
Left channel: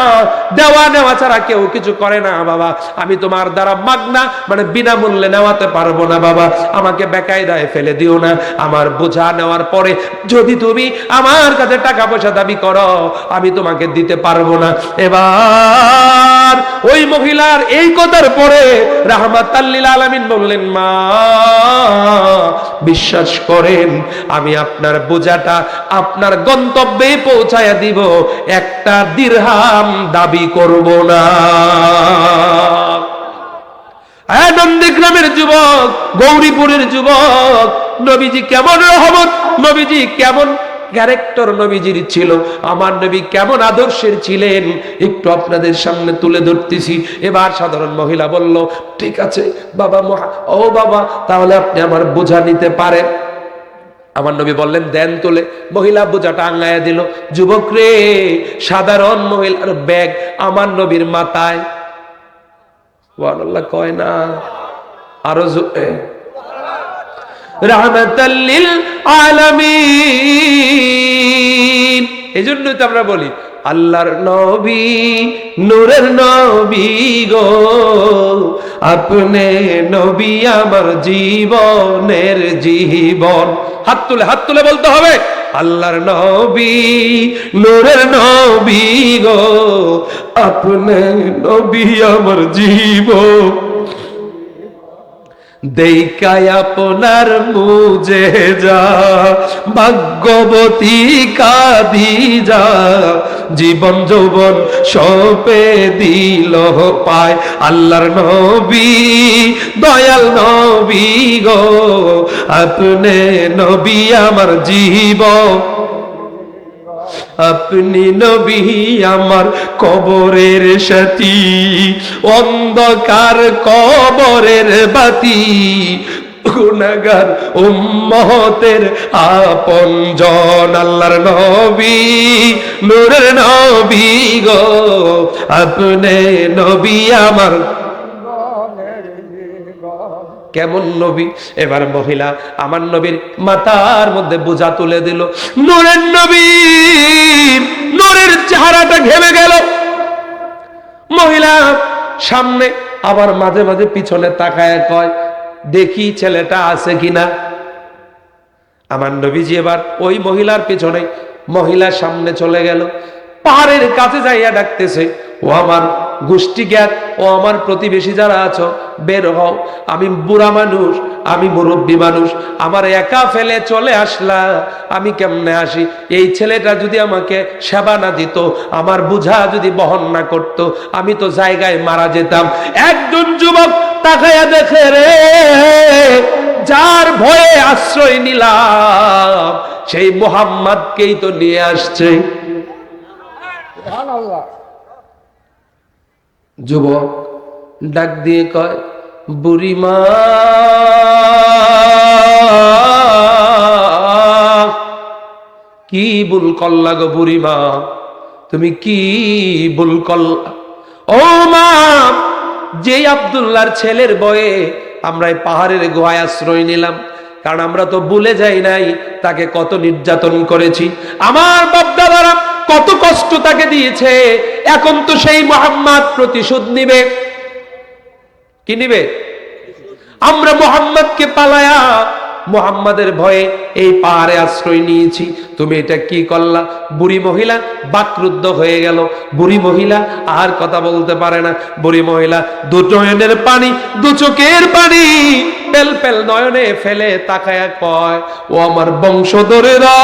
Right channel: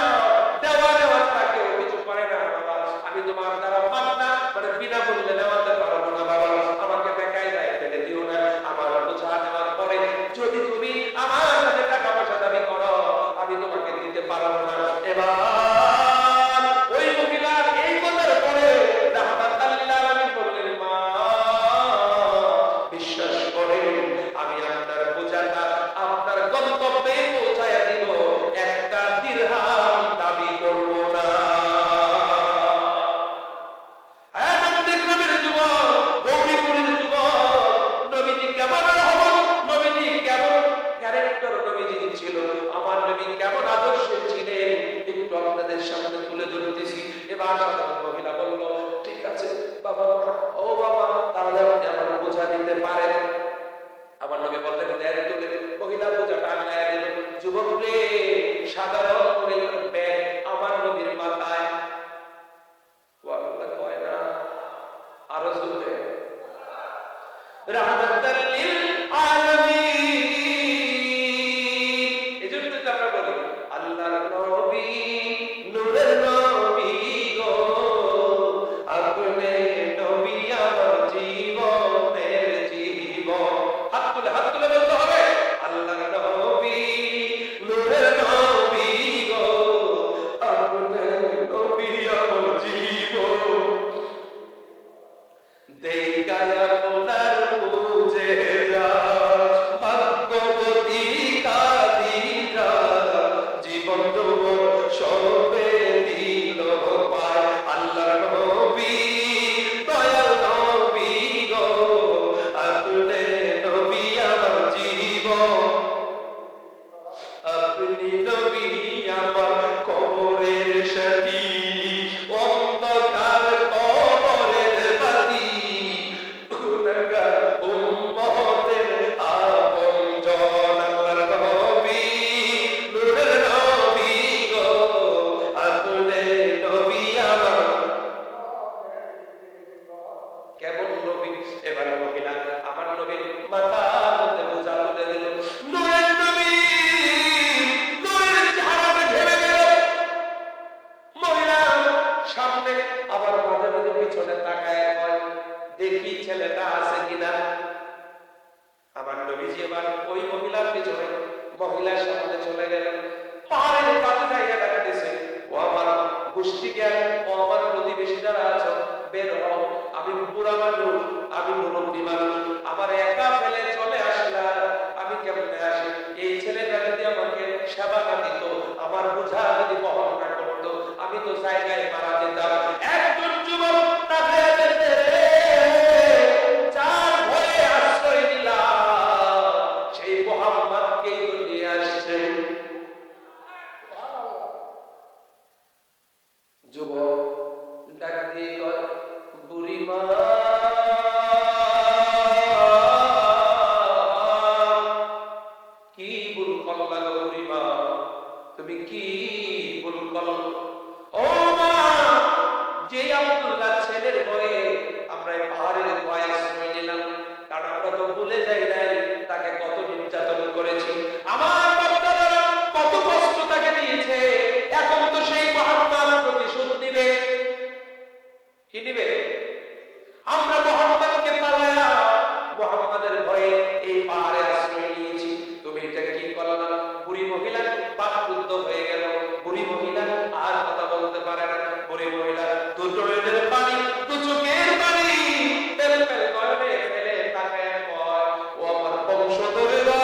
দেওয়া নেওয়া ছাড়া কেউ কিছু করে না বাবা, আমি তোমার দ্বারা মাগনা মানে বিনামূল্যে নেওয়াতে পারবো না বাবা, আমাকে বেকায়দায় ফেলে দিও না। আমার বোঝা নেওয়ার পরে যদি তুমি আমার কাছে টাকা পয়সা দাবি করো, আমি তোমাকে দিতে পারবো না। এবার ওই মহিলার এই কথার পরে রাহমাতাল লিল আলামিন বললেন, মা বিশ্বাস করেন আমি আপনার বোঝাটা আপনার গন্তব্যে পৌঁছায়া দিব, একটা দিরহাম দাবি করব না। নন্দীগ্রামের যুবক, গৌরীপুরের যুবক, নবীজি কেমন রহমত, নবীজি কেমন ক্যারেক্টার নবীজির ছিল, আমার নবী কেমন আদর্শের ছিলেন, একটু আপনাদের সামনে তুলে ধরতেছি। এবার সাধারণ মহিলা বলল, ঠিক আছে বাবা, ও বাবা তাহলে আপনি আমার বোঝা নিতে পারেন। আমার নবী বললেন, দেন তুলে। মহিলা বোঝাটা আঙ্গায়া দিল। যুবক রে, সাধারণ মহিলার ব্যাগ আমার নবীর মাথায়, সুবহানাল্লাহ কয় না, আরো জোরে, রাহমাতাল লিল আলামিন। এজন্যই তো আমরা বলি আল্লাহর নবী, নূরের নবী গো, আপনি নবী আমার জীবনের জীবন। হাত তুলে বলতে হবে, আল্লাহর নবী, নূরের নবী গো, আপনি নবী আমার জীবন। দেখায় আপনার মুজেজা, ভাগ্যবতী খাদিজা, জীবন যৌবন সপে দিল পায় আল্লাহর নবী, দয়াল নবী গো, আপনি নবী আমার জীবন। আপনি নবী আমার কবরের সাথী, অন্ধকার কবরের বাতি, গুনাহগার উম্মতের আপনজন। আল্লাহর নবী, নূরের নবী গো, আপনি নবী আমার। কেমন নবী! এবার মহিলা আমার নবীর মাথার মধ্যে বোঝা তুলে দিল। নূরের নবী, নূরের চেহারাটা ঘেমে গেল। মহিলা সামনে আবার মাঝে মাঝে পিছনে তাকায় কয়, দেখি ছেলেটা আছে কিনা। আমার নবীজি এবার ওই মহিলার পিছনে, মহিলার সামনে চলে গেল, পাহাড়ের কাছে যাইয়া ডাকতেছে, ও আমার গোষ্ঠী জ্ঞাত, ও আমার প্রতিবেশী যারা আছো, বের হও, আমি বুড়া মানুষ, আমি মুরব্বী মানুষ, আমার একা ফেলে চলে আসলা, আমি কেমনে আসি? এই ছেলেটা যদি আমাকে সেবা না দিত, আমার বোঝা যদি বহন না করত, আমি তো জায়গায় মারা যেতাম। একজন যুবক তাকায়া দেখে, রে যার ভয়ে আশ্রয় নিলাম সেই মুহাম্মদকেই তো নিয়ে আসছে। যুবক ডাক দিয়ে কয়, বুড়িমা কি ভুল করলা গো বুড়িমা, তুমি কি ভুল করলা? ও মা, যে আব্দুল্লাহর ছেলের বয়ে আমরা এই পাহাড়ের গুহায় আশ্রয় নিলাম, কারণ আমরা তো ভুলে যাই নাই তাকে কত নির্যাতন করেছি, আমার বাপ-দাদারা কত কষ্ট তাকে দিয়েছে। এখন তো সেই মুহাম্মদ প্রতিশোধ নিবে। কি নিবে? আমরা মুহাম্মদকে পালায়া মুহাম্মাদের ভয়ে এই পাহাড়ে আশ্রয় নিয়েছি, তুমি এটা কি করলা? বুড়ি মহিলা বাকরুদ্ধ হয়ে গেল। বুড়ি মহিলা আর কথা বলতে পারে না। বুড়ি মহিলা দু নয়নের পানি, দু চোখের পানি পেল পেল নয়নে ফেলে তাকায়া কয়, ও আমার বংশধরেরা,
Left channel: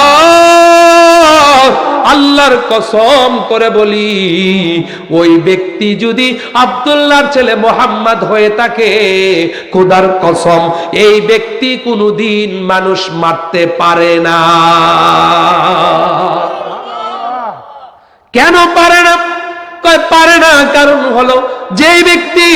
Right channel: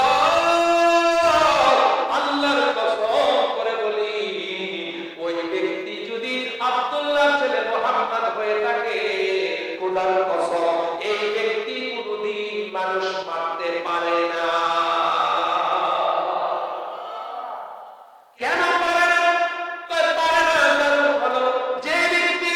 আল্লাহর কসম করে বলি, ওই ব্যক্তি যদি আব্দুল্লাহর ছেলে মুহাম্মদ হয়ে থাকে, খোদার কসম এই ব্যক্তি কোনদিন মানুষ মারতে পারে না। কেন পারে না? কয় পারে না কারণ হলো যে ব্যক্তি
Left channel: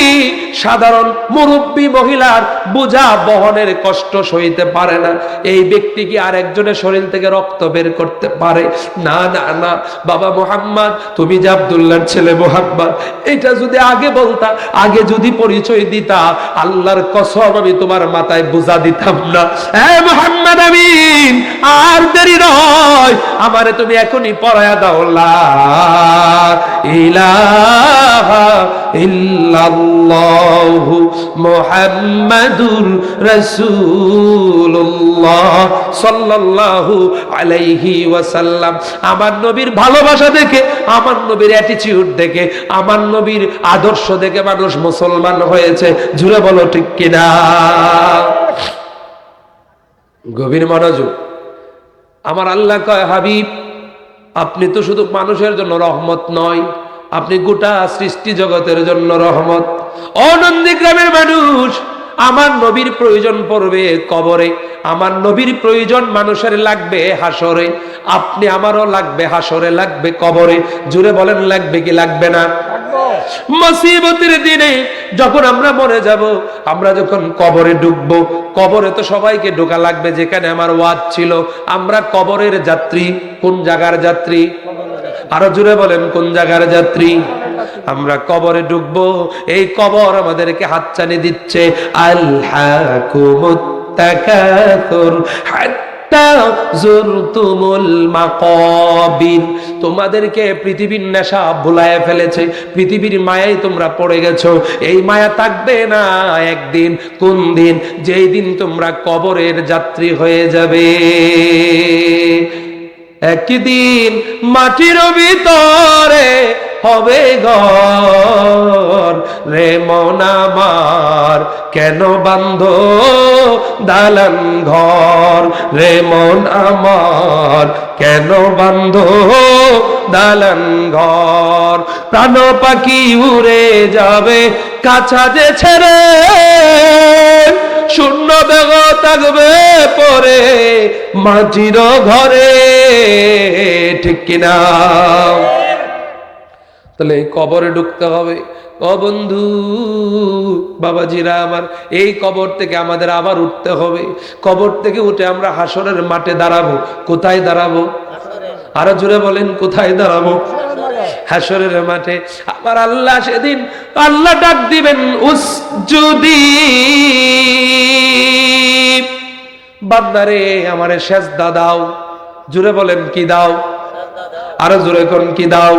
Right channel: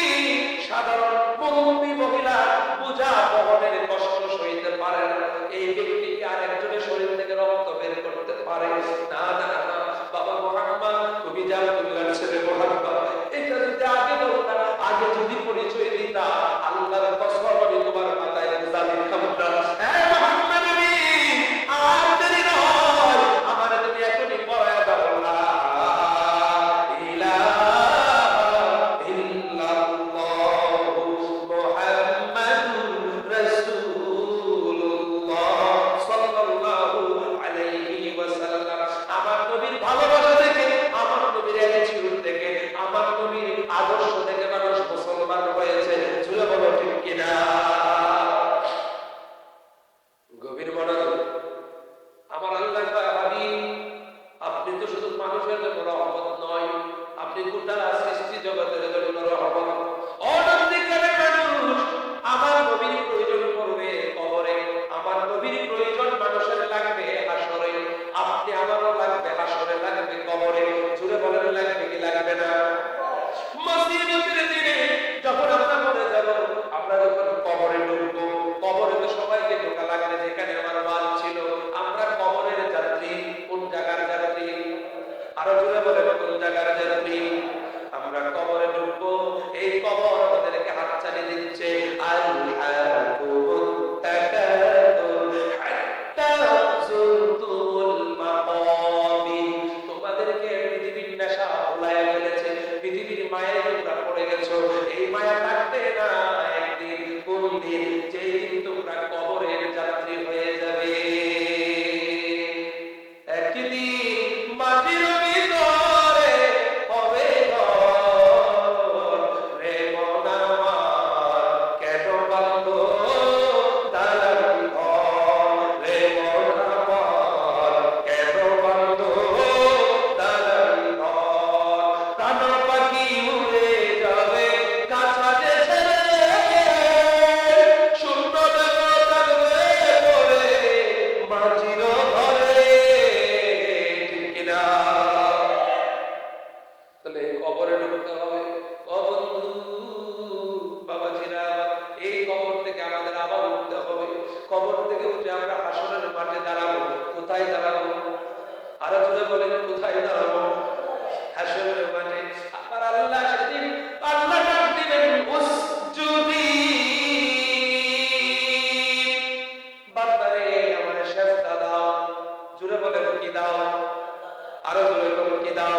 সাধারণ মুরব্বী মহিলার বোঝা বহনের কষ্ট সইতে পারে না, এই ব্যক্তি কি আরেকজনের শরীর থেকে রক্ত বের করতে পারে? না না না। বাবা মুহাম্মদ, তুমি যে আব্দুল্লাহর ছেলে মুহাম্মদ, এটা যদি আগে বলতা, আগে যদি পরিচয় দিতা, আল্লাহর কসম আমি তোমার মাথায় বোঝা দিতাম না। হ্যাঁ মুহাম্মদ আমিন, আর দেরি নয়, আমারে তুমি এখনই পড়ায়া দাও লা ইলাহা ইল্লাল্লাহু মুহাম্মাদুর রাসূলুল্লাহ সাল্লাল্লাহু আলাইহি ওয়াসাল্লাম। আমার নবীর ভালোবাসা দেখে, আমার নবীর অ্যাটিটিউড দেখে, আমার নবীর আদর্শ দেখে মানুষ মুসলমান হয়েছে। জুড়ে বলো ঠিক কিনা? গভীর মনোযোগ। আমার আল্লাহ কয়, হাবিব আপনি তো শুধু মানুষের জন্য রহমত নয়, আপনি গোটা সৃষ্টি জগতের জন্য রহমত। ও নন্দীগ্রামের মানুষ, আমার নবীর প্রয়োজন পড়বে কবরে, আমার নবীর প্রয়োজন মানুষের লাগবে হাসরে, আপনি আমারও লাগবে হাসরে, লাগবে কবরে। জুড়ে বলেন লাগবে কি লাগবে না? মুসিবতের দিনে যখন আমরা মরে যাব, আমরা যখন কবরে ঢুকবো, কবরে তো সবাইকে ঢোকা লাগবে। যেখানে আমার ওয়াজ ছিল, আমরা কবরের যাত্রী। কোন জায়গার যাত্রী? আরো জোরে বলেন, কোন জায়গার যাত্রী? আমরা কবরে ঢুকবো, এই কবর আমাদেরকে হাতছানি দিচ্ছে। আলহাকুমুত তাকাসুর হাত্তা যুরতুমুল মাকাবির। তোমাদেরকে পৃথিবীর নেশা ভুলায় ফেলেছে, পৃথিবীর মায়ায় তোমরা পড়ে গেছো। এই মায়া থাকবে না একদিন। কোন দিন? যেই দিন তোমরা কবরের যাত্রী হয়ে যাবে। একদিন মাটির ভিতরে হবে ঘর, রে মন আমার কেন বান্ধ দালান ঘর, রে মন আমার কেন বান্ধ দালান ঘর। প্রাণ পাখি উড়ে যাবে কাছা যে ছেড়ে, শূন্য দেহ থাকবে পরে মাটির ঘরে। ঠিক কিনা? তাহলে কবরে ঢুকতে হবে। ও বন্ধু বাবাজিরা আমার, এই কবর থেকে আমাদের আবার উঠতে হবে। কবর থেকে উঠে আমরা হাসরের মাঠে দাঁড়াবো। কোথায় দাঁড়াবো? আরো জোরে বলেন, কোথায় দাঁড়াবো? হাসরের মাঠে। আবার আল্লাহ সেদিন আল্লাহ ডাক দিবেন, উসজুদি বান্দারে আমারে সেজদা দাও। জোরে বলেন, কি দাও? আরো জোরে কোন কি দাও?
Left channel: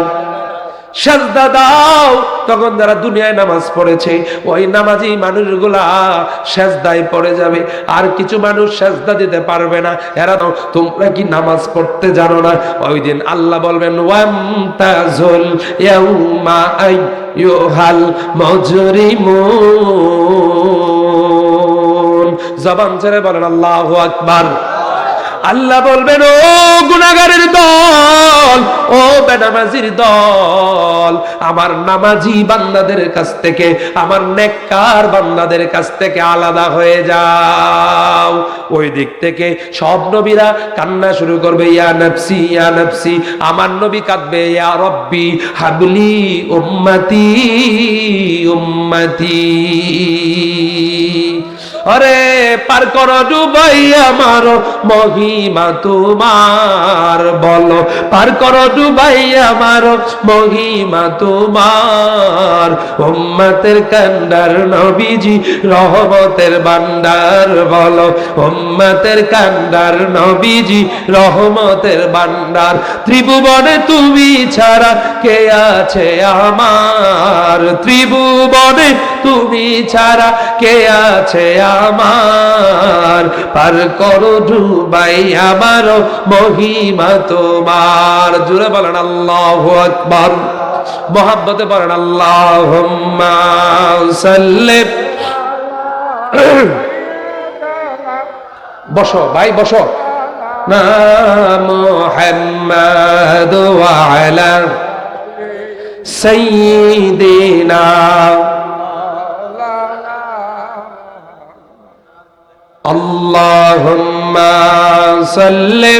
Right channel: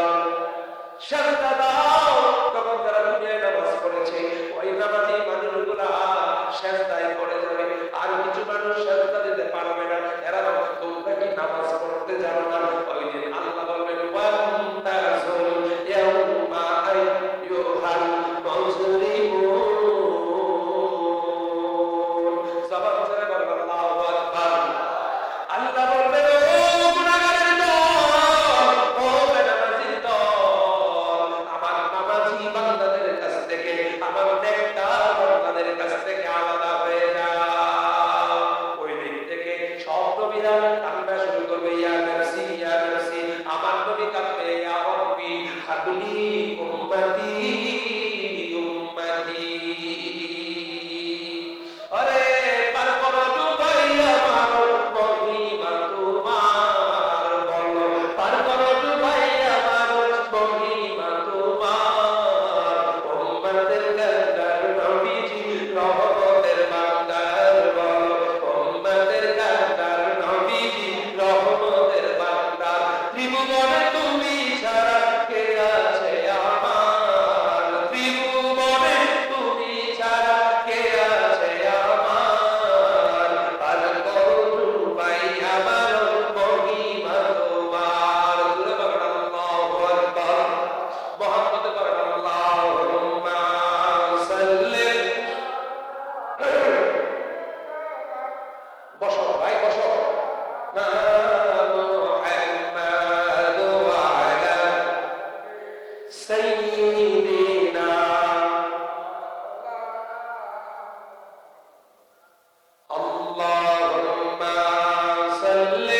সেজদা দাও। তখন যারা দুনিয়ায় নামাজ পড়েছে, ওই নামাজি মানুষগুলা সেজদায় পড়ে যাবে। আর কিছু মানুষ সেজদা দিতে পারবে না। এরা তো, তোমরা কি নামাজ পড়তে জানো না? ওই দিন আল্লাহ বলবেন, ওয়ামতাজুল ইয়াউমা আইয়ুহাল মুজরিমুন। জবান ছেড়ে বলেন আল্লাহু আকবার। আল্লাহ বলবেন, ও গুনাহগারের দল, ও বেনামাজির দল, আমার নামাজি বান্দাদের কাছ থেকে, আমার নেককার বান্দাদের কাছ থেকে আলাদা হয়ে যাও। ওই দিক থেকে সব নবীরা কান্না শুরু করবে, ইয়া নফসি ইয়া নফসি। আমার নবী কাঁদবে, ইয়া রব্বি হাবলি উম্মতি উম্মতি। আরে পার করো ডুবাই আমার মহিমা তোমার, বলো পার করো ডুবাই আমার মহিমা তোমার। উম্মতের কান্ডার নবীজি রহমতের ভান্ডার, বলো উম্মতের কান্ডার নবীজি রহমতের ভান্ডার। ত্রিভুবনে তুমি ছাড়া কে আছে আমার, ত্রিভুবনে তুমি ছাড়া কে আছে আমার। পার করো ডুবাই আমার মহিমা তোমার। জুড়ে বলেন আল্লাহু আকবার। মোহাব্বতে বলেন আল্লাহুম্মা সাল্লি। বসো ভাই, বসো না। মুহাম্মাদ ওয়া আলা সাইয়্যিদিনা আল্লাহুম্মা সাল্লি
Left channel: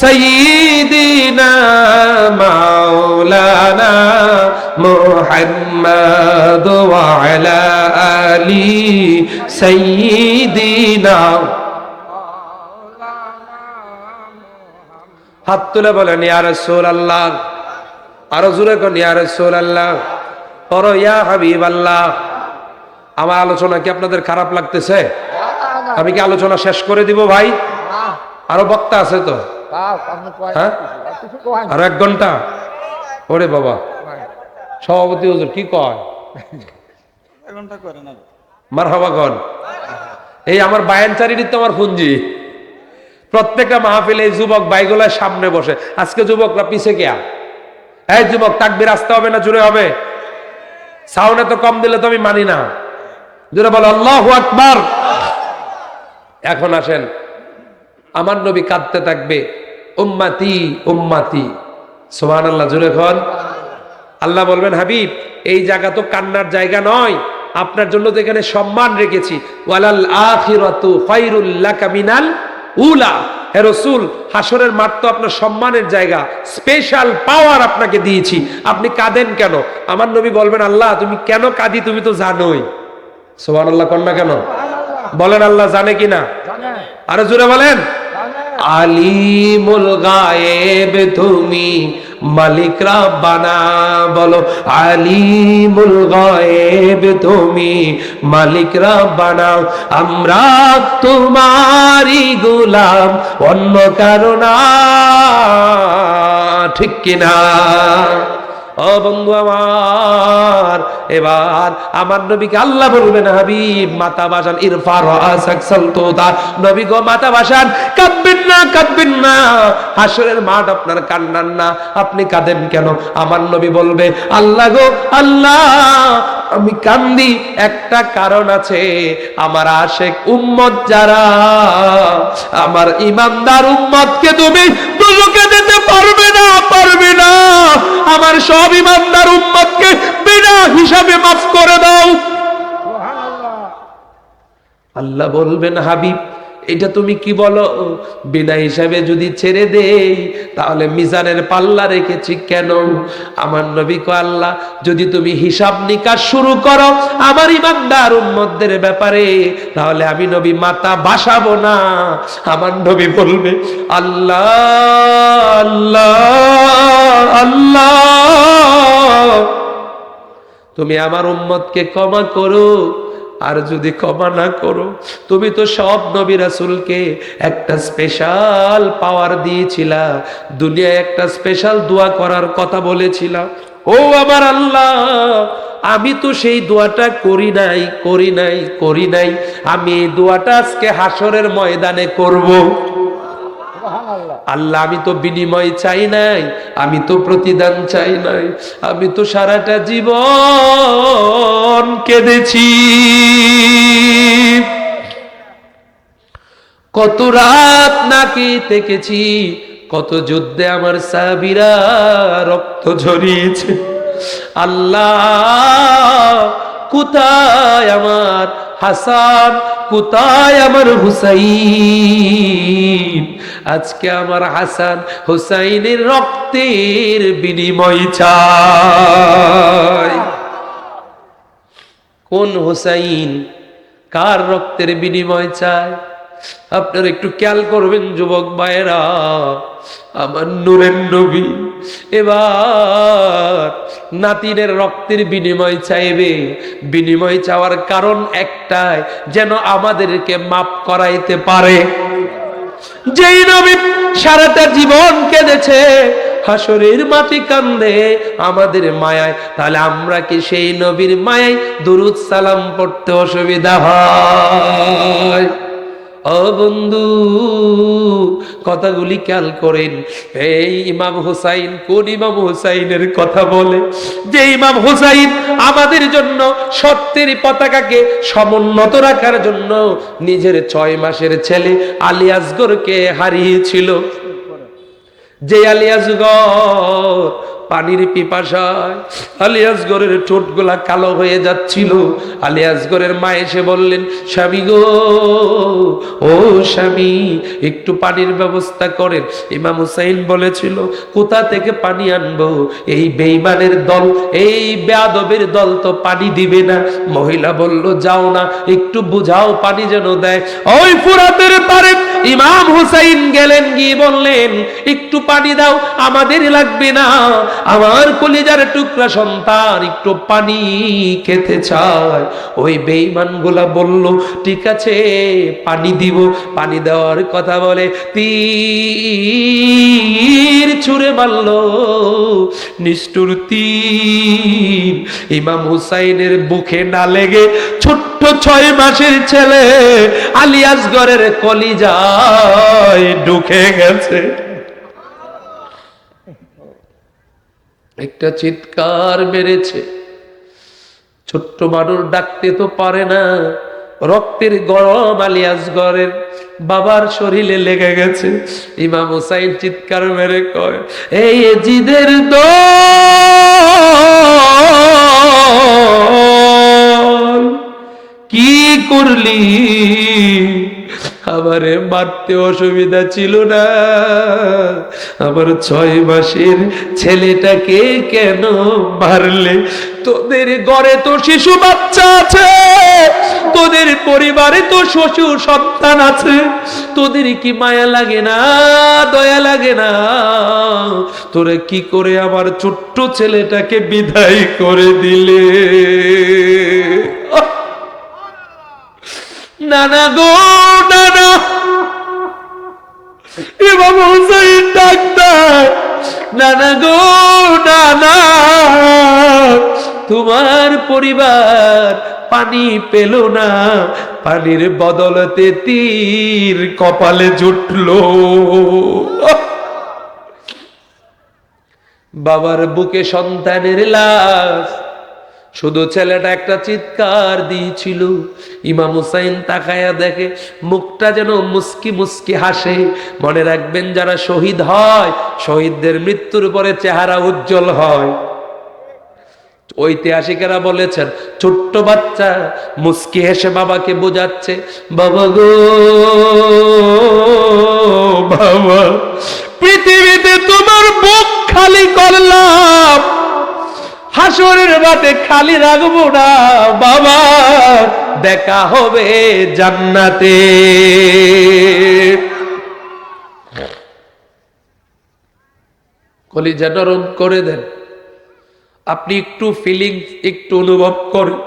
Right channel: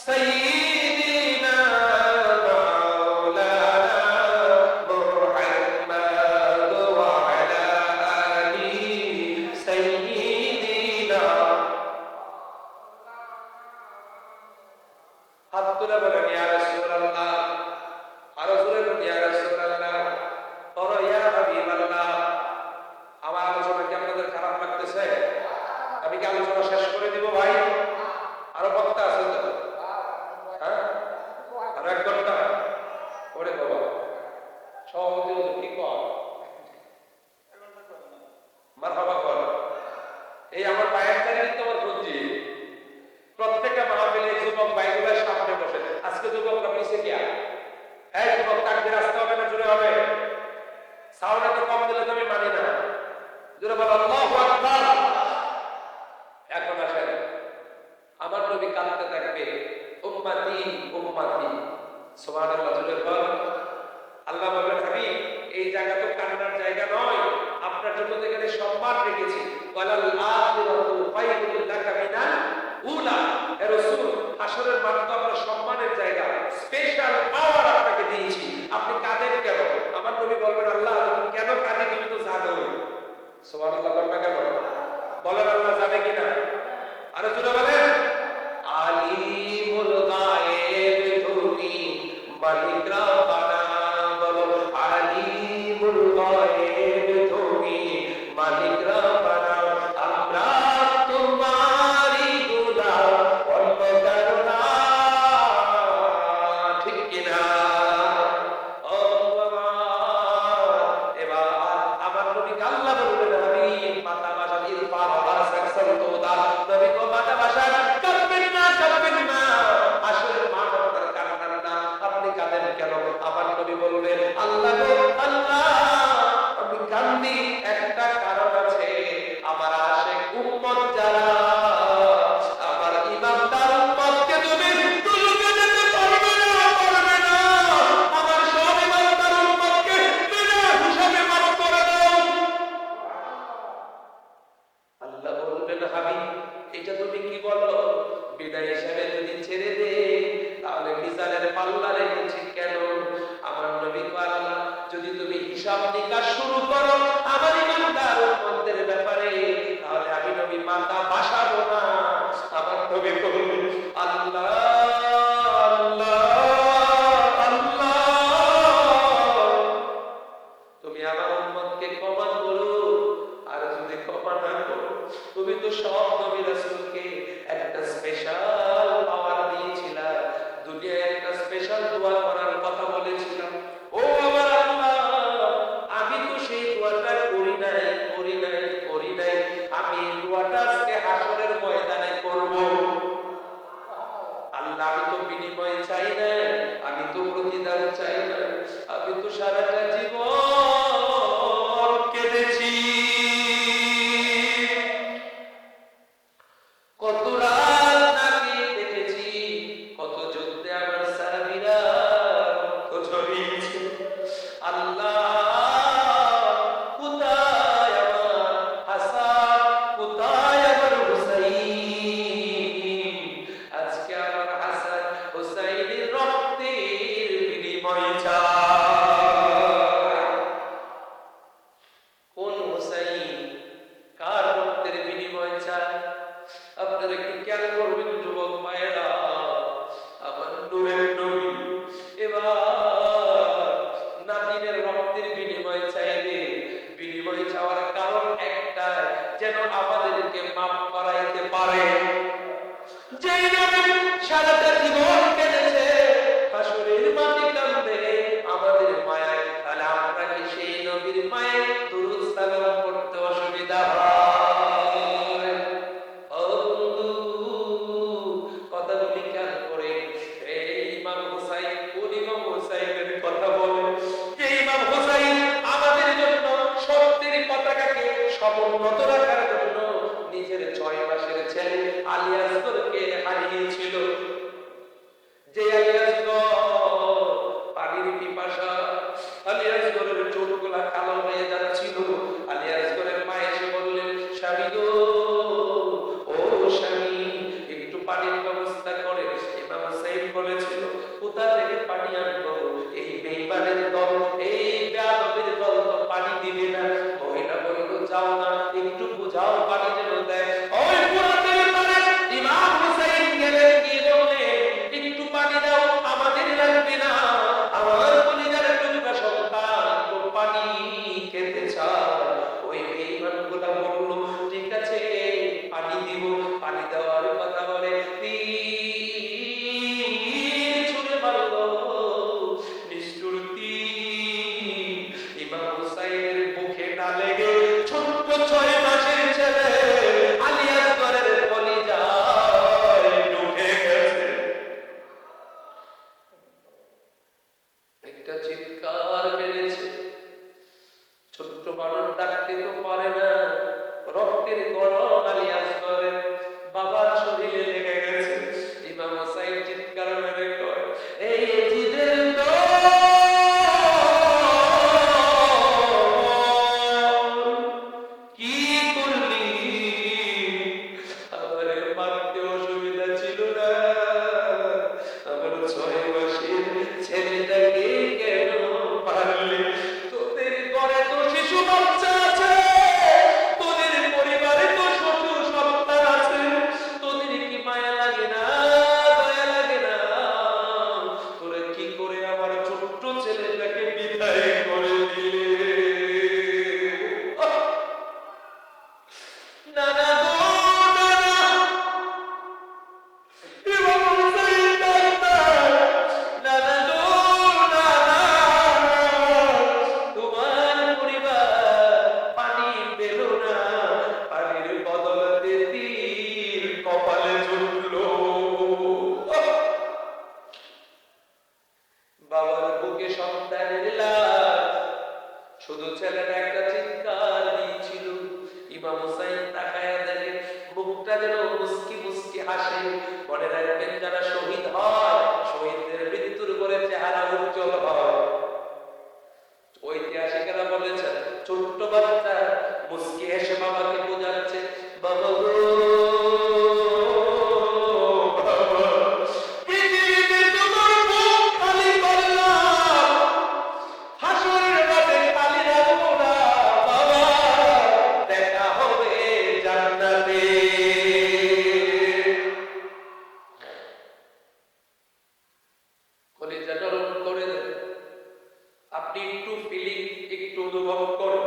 সাইয়্যিদিনা মাওলানা মুহাম্মাদ মুহাম্মাদ ওয়া আলা আলি সাইয়্যিদিনা। হাত তুলে বলেন ইয়া রাসূলুল্লাহ, আরো জোরে কোন ইয়া রাসূলুল্লাহ, পড়ো ইয়া হাবিবাল্লাহ। আমার আলোচনা কি আপনাদের খারাপ লাগতেছে? আমি কি আলোচনা শেষ করে দিব ভাই? আরো বক্তা আছে তো? হ্যাঁ, আরো 1 ঘন্টা? ওরে বাবা, সভাপতি হুজুর কি কয়? মারহাবা কন। এই আমার বায়ানচারীর তো আমার পুঞ্জি। প্রত্যেকটা মাহফিলে এই যুবক বাইগুলার সামনে বসে, আজকে যুবকরা পিছে কে? এই যুবক, তাকবীর আসতে হবে না জোরে হবে? সাউন্ড তো কম দিলে তো আমি মানি না। জোরে বলো আল্লাহু আকবার। এখন আসেন, আমার নবী কাঁদতে থাকবে, উম্মতি উম্মতি, সুবহানাল্লাহ জোরে খন। আল্লাহ বলবেন হাবিব, এই জায়গা তো কান্নার জায়গা নয়, আপনার জন্য তো এখানে সম্মান রেখেছি। ওয়ালাল আখিরাতু খায়রুল লাকা মিনাল উলা। হে রাসূল, হাসরের মাঠ তো আপনার সম্মানের জায়গা, স্পেশাল পাওয়ার আপনাকে দিয়েছি, আপনি কাঁদেন কেন? আমার নবী বলবেন, আল্লাহ তুমি কেন কাঁদি তুমি তো জানোই। সুবহানাল্লাহ কন না কেন? বলেন আল্লাহ জানে কিনা? আরো জোরে বলেন। আলিমুল গায়েব তুমি মালিক রাব্বানা। বলো আলিমুল গায়েব তুমি মালিক রাব্বানা। আমরা তোমারই গোলাম, অন্য কারো না, ঠিক কিনা? ও বন্ধু আমার, এবার আমার নবীকে আল্লাহ বলবেন, হাবিব মাথা বাসান, ইরফা রাসাক সালতুদা। নবী গো মাথা বাসান, কাঁদবেন না, কাঁদবেন না, হাসরের মাঠ আপনার কান্নার না, আপনি কাঁদেন কেন? আমার নবী বলবে, আল্লাহ গো আল্লাহ, আমি কান্দি একটা কারণ আছে, আমার আশেক উম্মত যারা, আমার ইমানদার উম্মতকে তুমি দুজকে দিতে পারবে না, পারবে না। আমার সব ইমানদার উম্মতকে বিনা হিসাবে মাফ করে দাও। আল্লাহ বলবেন, হাবিব এটা তুমি কি বলো? বিনা হিসাবে যদি ছেড়ে দেই তাহলে মিজানের পাল্লা রেখেছি কেন? আমার নবী কয়, আল্লাহ যদি তুমি হিসাব নিকাশ শুরু করো আমার ইমানদার উম্মতদের ব্যাপারে, তাহলে আমি নবী মাথা বাসাবো না। আমার নবী বলবে, আল্লাহ আল্লাহ আল্লাহ, তুমি আমার উম্মতকে ক্ষমা করো। আর যদি ক্ষমা না করো, তুমি তো সব নবী রাসূলকে একটা স্পেশাল পাওয়ার দিয়েছিলা, দুনিয়ায় একটা স্পেশাল দোয়া করার কথা বলেছিলা। ও আমার আল্লাহ, আমি তো সেই দোয়াটা করি নাই, করি নাই, করি নাই। আমি এই দোয়াটা আজকে হাসরের ময়দানে করব। আল্লাহ আমি তো বিনিময় চাই নাই, আমি তো প্রতিদান চাই নাই, আমি তো সারাটা জীবন কেঁদেছি। কত রাত নাকি থেকেছি, কত যুদ্ধে আমার সাহাবীরা রক্ত ঝরিয়েছে। আল্লাহ কোথায় আমার হাসান, কোথায় আমার হুসাইন? আজকে আমার হাসান হুসাইনের রক্তের বিনিময় চাই। কোন হুসাইন, কার রক্তের বিনিময় চায়? আপনারা একটু খেয়াল করবেন যুবক ভাইয়েরা, আমার নূরের নবী এবার নাতিনের রক্তের বিনিময় চাইবে। বিনিময় চাওয়ার কারণ একটাই, যেন আমাদেরকে মাফ করাইতে পারে। যেই নবী সারাটা জীবন কেঁদেছে, হাসরের মাটি কান্দে আমাদের মায়ায়, তাহলে আমরা কি সেই নবীর মায়ায় দুরুদ সালাম পড়তে অসুবিধা হয়? ও বন্ধু, কথাগুলি খেয়াল করেন। এই ইমাম হুসাইন কোন ইমাম হুসাইনের কথা বলে? যে ইমাম হুসাইন আমাদের জন্য সত্যের পতাকাকে সমুন্নত রাখার জন্য নিজের 6 মাসের ছেলে আলী আসগরকে হারিয়েছিল। যে আলী আসগর পানির পিপাসায় আলী আসগরের ঠোঁটগুলা কালো হয়ে যাচ্ছিল। আলী আসগরের মা এসে বললেন, স্বামী গো, ও স্বামী, একটু পানির ব্যবস্থা করেন। ইমাম হুসাইন বলেছিল, কোথা থেকে পানি আনবো? এই বেঈমানের দল, এই বেয়াদবের দল তো পানি দিবে না। মহিলা বলল, যাও না, একটু বুঝাও, পানি যেন দেয়। ওই ফুরাতের পারে ইমাম হুসাইন গেলেন, গিয়ে বললেন, একটু পানি দাও, আমাদের লাগবে না, আমার কলিজার টুকরা সন্তান একটু পানি খেতে চায়। ওই বেঈমানগুলা বলল, ঠিক আছে, পানি দিব। পানি দেওয়ার কথা বলে তীর ছুঁড়ে মারল, নিষ্ঠুর তীর ইমাম হুসাইনের বুকে না লেগে ছোট্ট 6 মাসের ছেলে আলী আসগরের কলিজায় ঢুকে গেছে। একটা চিৎকার মেরেছে। ছোট্ট মানুষ ডাকতে তো পারে না, রক্তের গরম আলী আসগরের বাবার শরীরে লেগে গেছে। ইমাম হুসাইন চিৎকার মেরে কয়, এই এজিদের দল, কি করলি? আমারে মারতে অসুবিধা ছিল না, আমার 6 মাসের ছেলেটাকে কেন মারলে? তোদের ঘরে তো শিশু বাচ্চা আছে, তোদের পরিবারে তো শ্বশুর সন্তান আছে, তোদের কি মায়া লাগে না, দয়া লাগে না? তোরা কি করে আমার ছোট্ট ছেলেটাকে বিদায় করে দিলে? নানা গো, নানা, ইমাম হুসাইন ডাক্তার, নানা গো, নানা, তোমার পরিবার পানি পেল না, পানির বদলতে তীর কপালে জুটলো। বাবার বুকে সন্তানের লাশ, শুধু ছেলেটা একটা চিৎকার দিয়েছিল। ইমাম হুসাইন তাকায়া দেখে মুখটা যেন মুস্কি মুস্কি হাসে। মনে রাখবেন, যারা শহীদ হয়, শহীদদের মৃত্যুর পরে চেহারা উজ্জ্বল হয়। ঐতিহাসিকেরা বলেছেন, ছোট্ট বাচ্চা মুস্কি হেসে বাবাকে বোঝাচ্ছে, বাবা গো, বাবা, পৃথিবীতে তোমার বুক খালি করলাম, হাসরের মাঠে খালি রাখবো না বাবা, দেখা হবে জান্নাতে। কলিজা নরম করে দেন। আপনি একটু ফিলিংস একটু অনুভব করেন,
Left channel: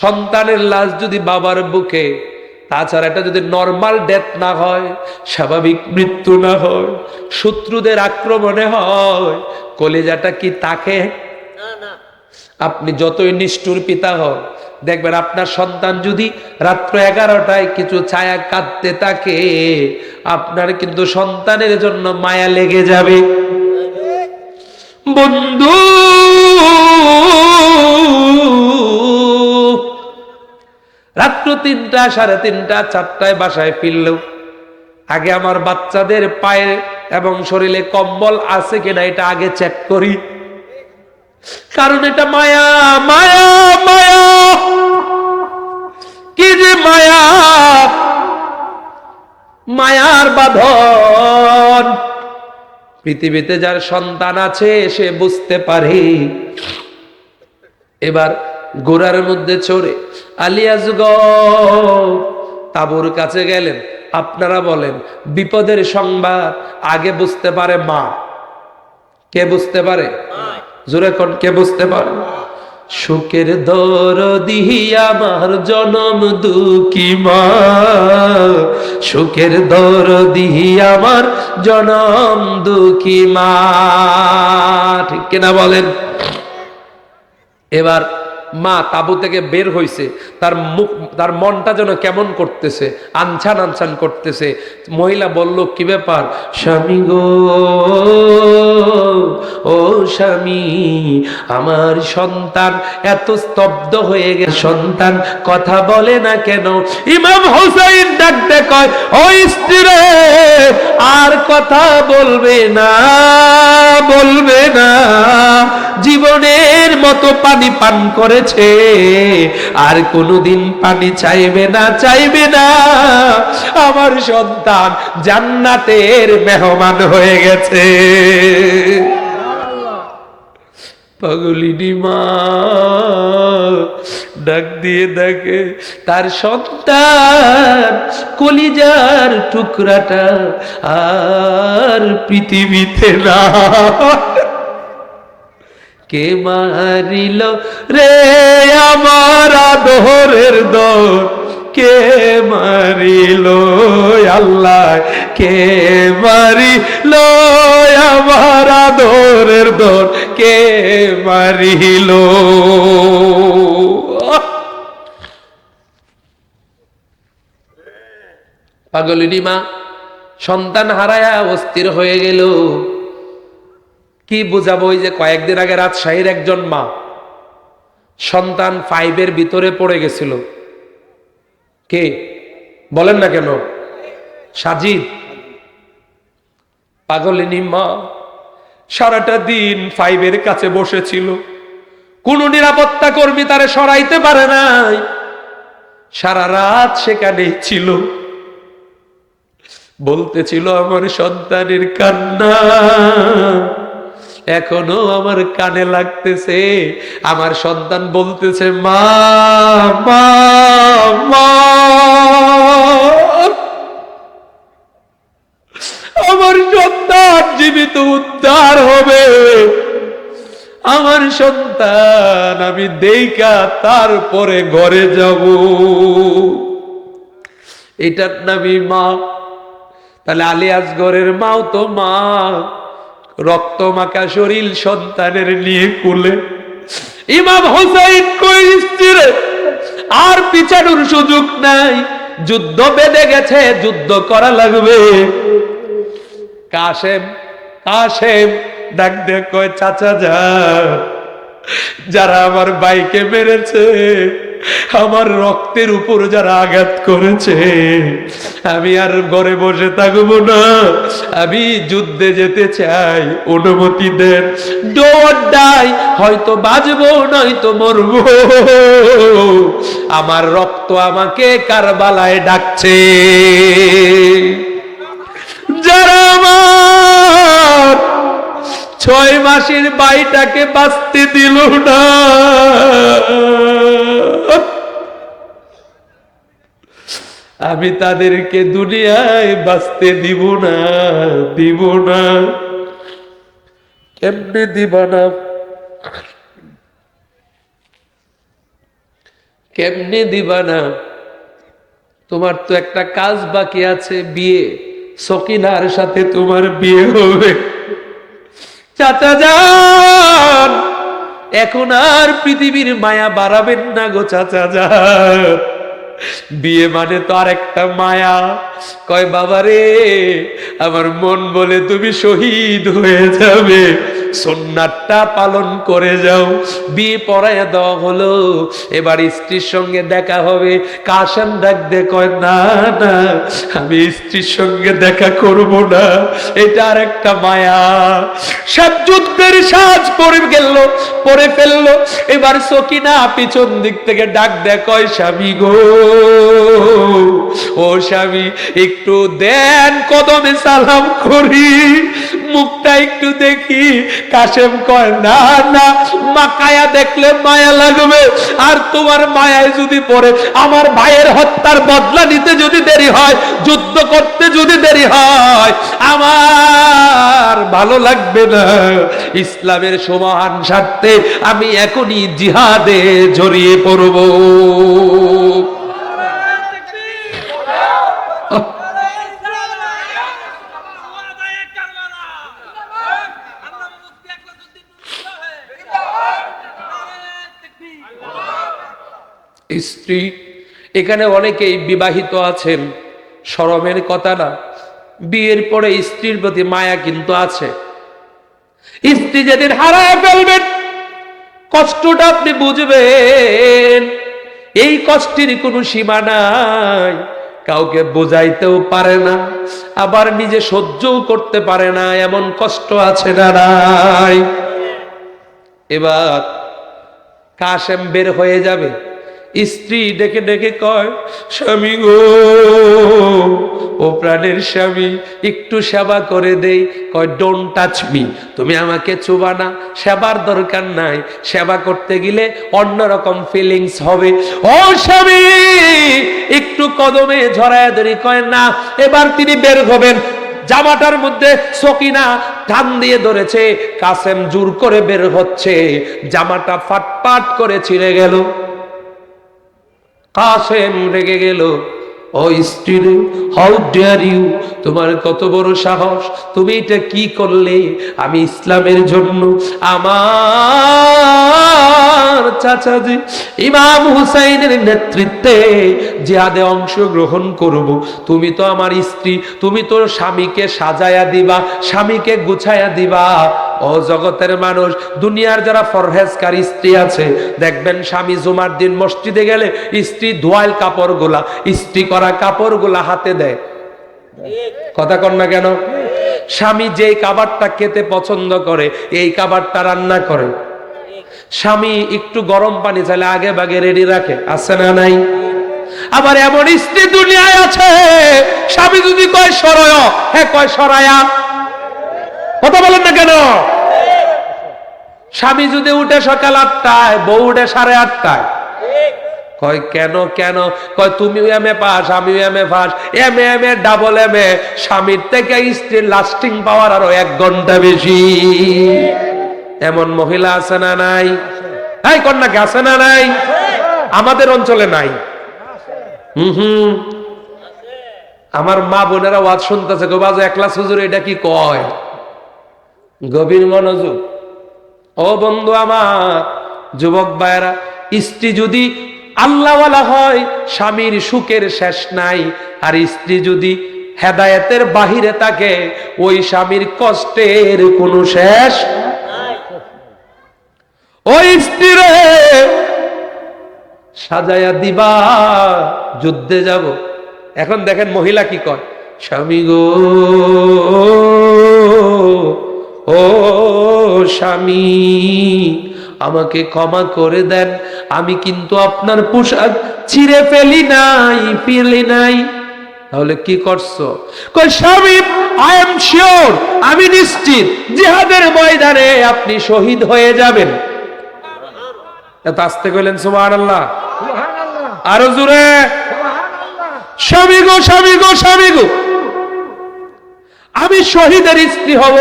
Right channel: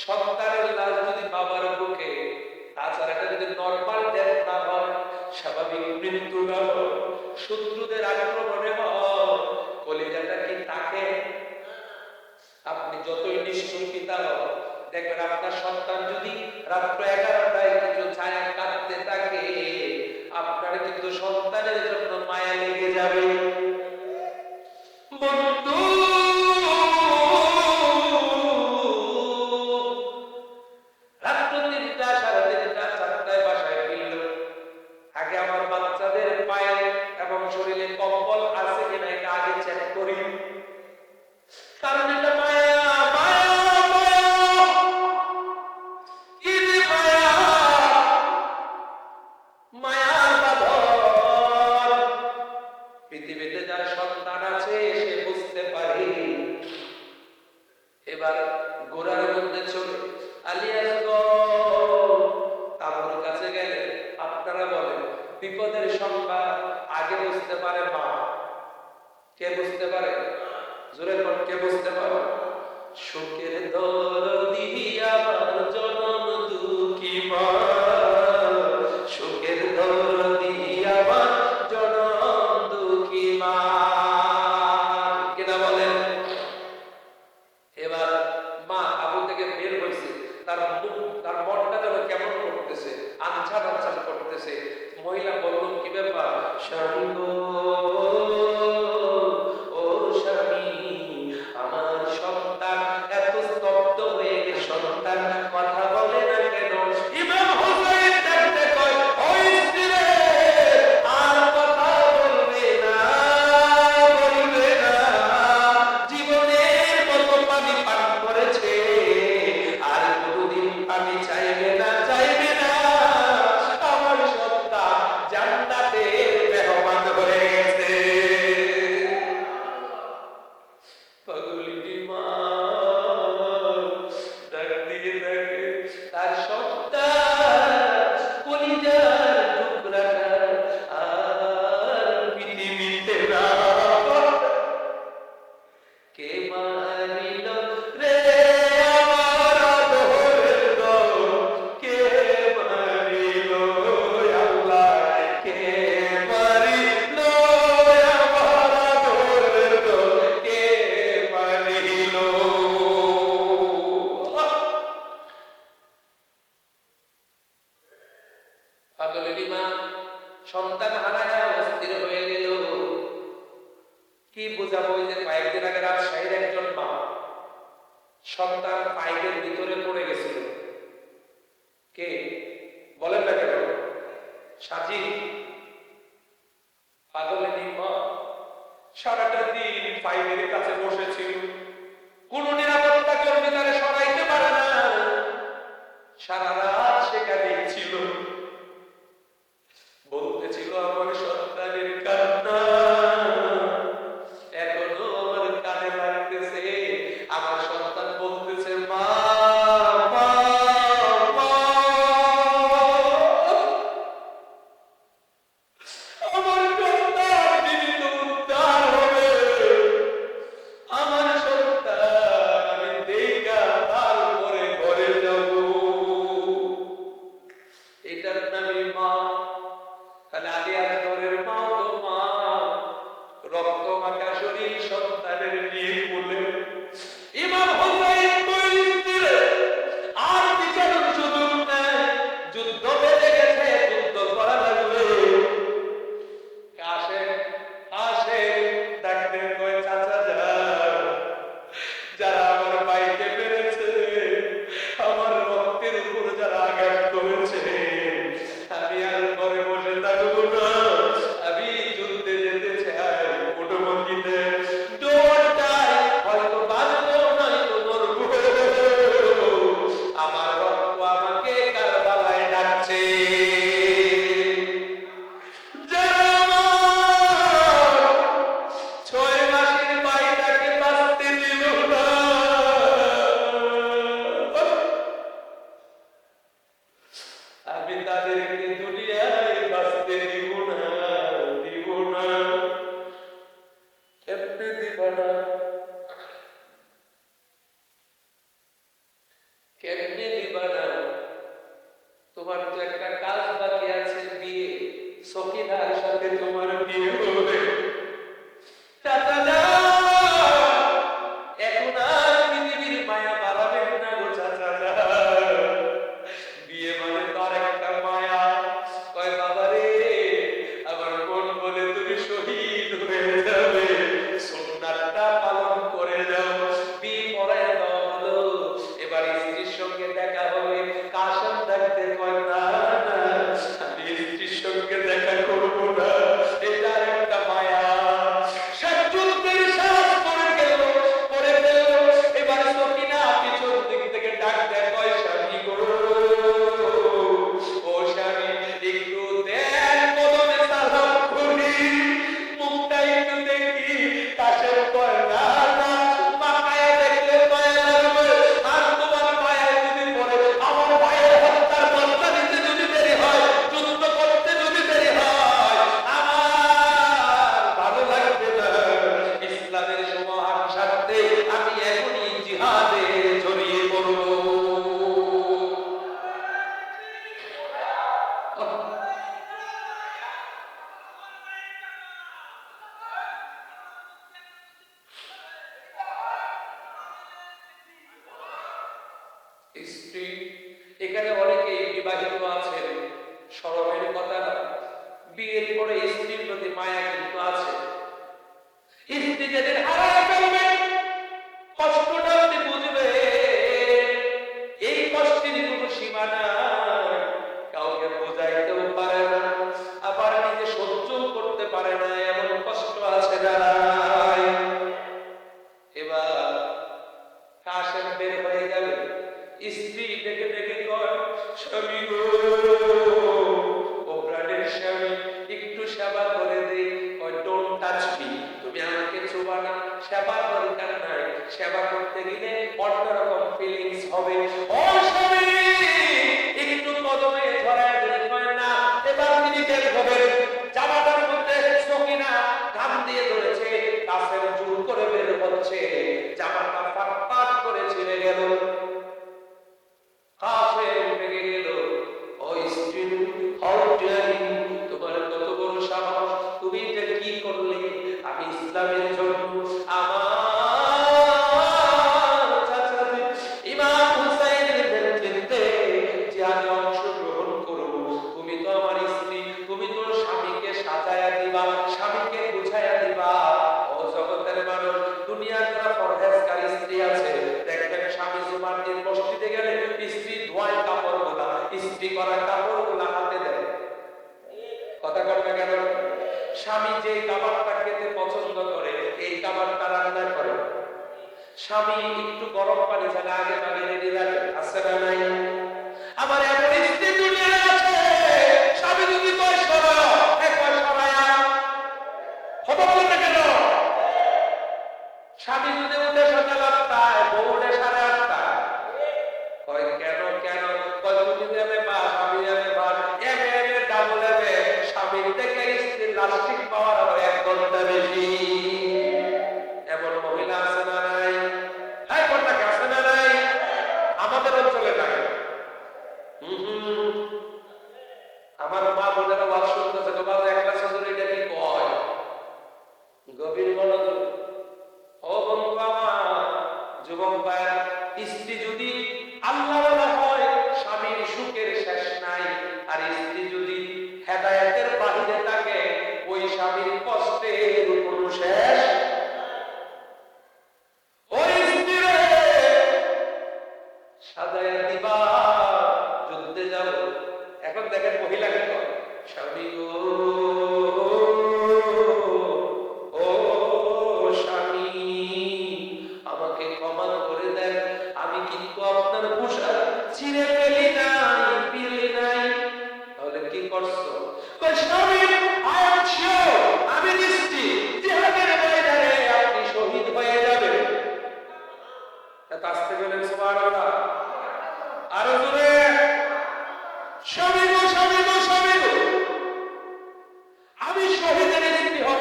সন্তানের লাশ যদি বাবার বুকে, তাছাড়া এটা যদি নর্মাল ডেথ না হয়, স্বাভাবিক মৃত্যু না হয়, শত্রুদের আক্রমণে হয়, কলিজাটা কি তাকে? আপনি যতই নিষ্ঠুর পিতা হন, দেখবেন আপনার সন্তান যদি রাত্র 11টায় কিছু ছায়া কাঁদতে থাকে, আপনার কিন্তু সন্তানের জন্য মায়া লেগে যাবে। বন্ধু, রাত্র 3টা, 3:30, 4টায় বাসায় ফিরলেও আগে আমার বাচ্চাদের পায়ে এবং শরীরে কম্বল আছে কিনা এটা আগে চেক করি, কারণ এটা মায়া, মায়া, মায়া, কি যে মায়া, মায়ার বাঁধন। পৃথিবীতে যার সন্তান আছে সে বুঝতে পারে। এবার ঘোড়ার মধ্যে চড়ে আলী আসগর তাঁবুর কাছে গেলেন। আপনারা বলেন, বিপদের সংবাদ আগে বুঝতে পারে মা। কে বুঝতে পারে? জোরে কোন, কে বুঝতে পারে? সুখের দরদি আমার জনম দুঃখী মা, সুখের দরদি আমার জনম দুঃখী মা, ঠিক কিনা বলেন? এবার মা তাবু থেকে বের হইছে, তার মুখ, তার মনটা যেন কেমন করতেছে, আনছান আনছান করতেছে। মহিলা বলল, কি ব্যাপার? স্বামী গো, ও স্বামী, আমার সন্তান এত স্তব্ধ হয়ে গেছে, সন্তান কথা বলে না কেন? ইমাম হুসাইন ডাকতে কয়, ও স্ত্রী, আর কথা বলবে না, বলবে না। মতো পানি পান করেছে, আর কোনোদিন পানি চাইবে না, চাইবে না। আমার সন্তান জান্নাতের মেহমান হয়ে গেছে। পাগলিনী মা ডাক দিয়ে দেখে তার সন্তান কলিজার টুকরাটা আর পৃথিবীতে না। কে মারিল রে আমার আদরের দর, কে মারিল আল্লাহ, কে মারিল আমার আদরের দর, কে মারিল। পাগলিনী মা সন্তান হারায়া অস্থির হয়ে গেল। কি বুঝাবো? ওই যে কয়েকদিন আগে রাজশাহীর একজন মা সন্তান 5 ভিতরে পড়ে গেছিল। কে বলেন না কেন? সাজিদ। পাগলিনী মা সারাটা দিন 5 কাছে বসেছিল, কোন নিরাপত্তা কর্মী তারে সরাইতে পারে নাই, সারা রাত সেখানেই ছিল। বলতেছিল আমার সন্তানের কান্না এখনো আমার কানে লাগতেছে। আমার সন্তান বলতেছে মা মা মা, আমার সন্তান জীবিত উদ্ধার হবে, আমার সন্তান আমি দেইকা তারপরে ঘরে যাব। এটার নামই মা। তাহলে আলী আসগরের মাও তো মা, রক্ত মাখা শরীর সন্তানের নিয়ে কুলে। ইমাম হোসেন কই স্ত্রীর আর পিছানোর সুযোগ নাই, যুদ্ধ বেঁধে গেছে, যুদ্ধ করা লাগবে। কাশেম কাশেম ডাক দিয়ে কয় চাচা যান, যারা আমার ভাইকে মেরেছে, আমার রক্তের উপর যারা আঘাত করেছে, আমি আর ঘরে বসে থাকবো না, আমি যুদ্ধে যেতে চাই, অনুমতি দেন। ডোন্ট ডাই, হয়তো বাঁচবো নয়তো মরবো, আমার রক্ত আমাকে কারবালায় ডাকছে। যারা আমার 6 মাসের ভাইটাকে বাঁচতে দিল না, আমি তাদেরকে দুনিয়ায় বাঁচতে দিব না, দিব না। কেমনে দিবা না? কেমনে দিবা না? তোমার তো একটা কাজ বাকি আছে, বিয়ে। সকিনার সাথে তোমার বিয়ে হবে। চাচা যান, এখন আর পৃথিবীর মায়া বাড়াবেন না গো চাচা যান, বিয়ে মানে তো আর একটা মায়া। কয় বাবা রে, আমার মন বলে তুমি শহীদ হয়ে যাবে, সুন্নাতটা পালন করে যাও। বিয়ে পড়াইয়া দেওয়া হলো, এবার স্ত্রীর সঙ্গে দেখা হবে। কাশেম ডাক দে কয় না না, আমি স্ত্রীর সঙ্গে দেখা করব না, এটা আর একটা মায়া। সব যুদ্ধের সাজ পরে ফেললো। এবার সকিনা পিছন দিক থেকে ডাক দেয়, কয় স্বামী গো, ও স্বামী একটু দেন, কদমে সালাম করি, মুখটা একটু দেখি। কাশেম কয় না না, মাকায়া দেখলে মায়া লাগবে, আর তোমার মায়ায় যদি পড়ে আমার ভাইয়ের হত্যার বদলা নিতে যদি দেরি হয়, যুদ্ধ করতে যদি দেরি হয়, আমার ভালো লাগবে না। ইসলামের সমান স্বার্থে আমি এখনই জিহাদে জড়িয়ে পড়ব। স্ত্রী, এখানে অনেকেই বিবাহিত আছেন, শরমের কথা না, বিয়ের পরে স্ত্রীর প্রতি মায়া কিন্তু আছে। স্ত্রী যেদিন হারায় ফেলবেন, কষ্টটা আপনি বুঝবেন। এই কষ্টের কোনো সীমা নাই, কাউকে বোঝাইতেও পারে না, আবার নিজে সহ্যও করতে পারে না, এমন কষ্ট আছে না নাই? এবার কাশেম বের হয়ে যাবে, স্ত্রী ডেকে ডেকে কয়, স্বামী গো, ও প্রাণের স্বামী, একটু সেবা করে দেই। কয়, ডোন্ট টাচ মি, তুমি আমাকে চুবা না, সেবার দরকার নাই, সেবা করতে গেলে অন্যরকম ফিলিংস হবে। ও স্বামী, একটু কদমে ঝরায় ধরি। কয় না। এবার তিনি বের হবেন, জামাটার মধ্যে সকিনা টান দিয়ে ধরেছে, কাসেম জোর করে বের হচ্ছে, জামাটা ফাটপাট করে ছিঁড়ে গেল। কাসেম রেগে গেল, ও স্ত্রী, হাউ ডেয়ার ইউ, তোমার কত বড় সাহস, তুমি এটা কি করলে? আমি ইসলামের জন্য আমার চাচাজি ইমাম হুসাইনের নেতৃত্বে জিহাদে অংশগ্রহণ করব, তুমি তো আমার স্ত্রী, তুমি তো স্বামীকে সাজায়া দিবা, স্বামীকে গুছায়া দিবা। ও জগতের মানুষ, দুনিয়ার যারা ফরহেজকার স্ত্রী আছে, দেখবেন স্বামী জুমার দিন মসজিদে গেলে স্ত্রী ধোয়াইল কাপড়গুলা, ইস্ত্রি করা কাপড়গুলা হাতে দেয়। কথা কন না কেন? স্বামী যেই খাবারটা খেতে পছন্দ করে, এই খাবারটা রান্না করে। স্বামী একটু গরম পানি চাইলে আগে ভাগে রেডি রাখে, আছে না নাই? আবার এমন স্ত্রী দুনিয়ায় আছে, স্বামী যদি কয় সরয়, হ্যাঁ কয় সরায়া। কথা বলেন না কেন? স্বামী যদি উঠে সকাল 8টায়, বউ উঠে 8:30টায়। কয় কেন কেন? কয় তুমি এমএ পাস, আমি MA pass, MA double MA, স্বামীর থেকে স্ত্রীর লাস্টিং পাওয়ার আরো 1 ঘন্টা বেশি। এমন মহিলা আছে না নাই? এই কন্যাকে আছে না নাই? আমাদের অঞ্চলে নাই। আমার মা বোনেরা ওয়াজ শুনতেছে, গো বাজু একলা হুজুর এটা কি কয়? গভীর মনোযোগ। ও বন্ধু আমার, যুবক ভাইরা, স্ত্রী যদি আল্লাহওয়ালা হয়, স্বামীর সুখের শেষ নাই। আর স্ত্রী যদি হেদায়েতের বাহিরে থাকে, ওই স্বামীর কষ্টের কোনো শেষ। ওই স্ত্রীরে সাজায়া দিবা, যুদ্ধে যাব। এখন দেখেন মহিলা কি কয়, স্বামী গো, ও স্বামী, আমাকে ক্ষমা করে দেন, আমি কিন্তু আপনার পোশাক ছিঁড়ে ফেলি নাই, ফেলি নাই। তাহলে কি করছো? কই স্বামী, আই এম শিওর, আমি নিশ্চিত জিহাদের ময়দানে আপনি শহীদ হয়ে যাবেন। এত আস্তে কইলেন সুবহানাল্লাহ, আরো জোরে। স্বামী গো, স্বামী গো, স্বামী গো, আমি শহীদের স্ত্রী হব।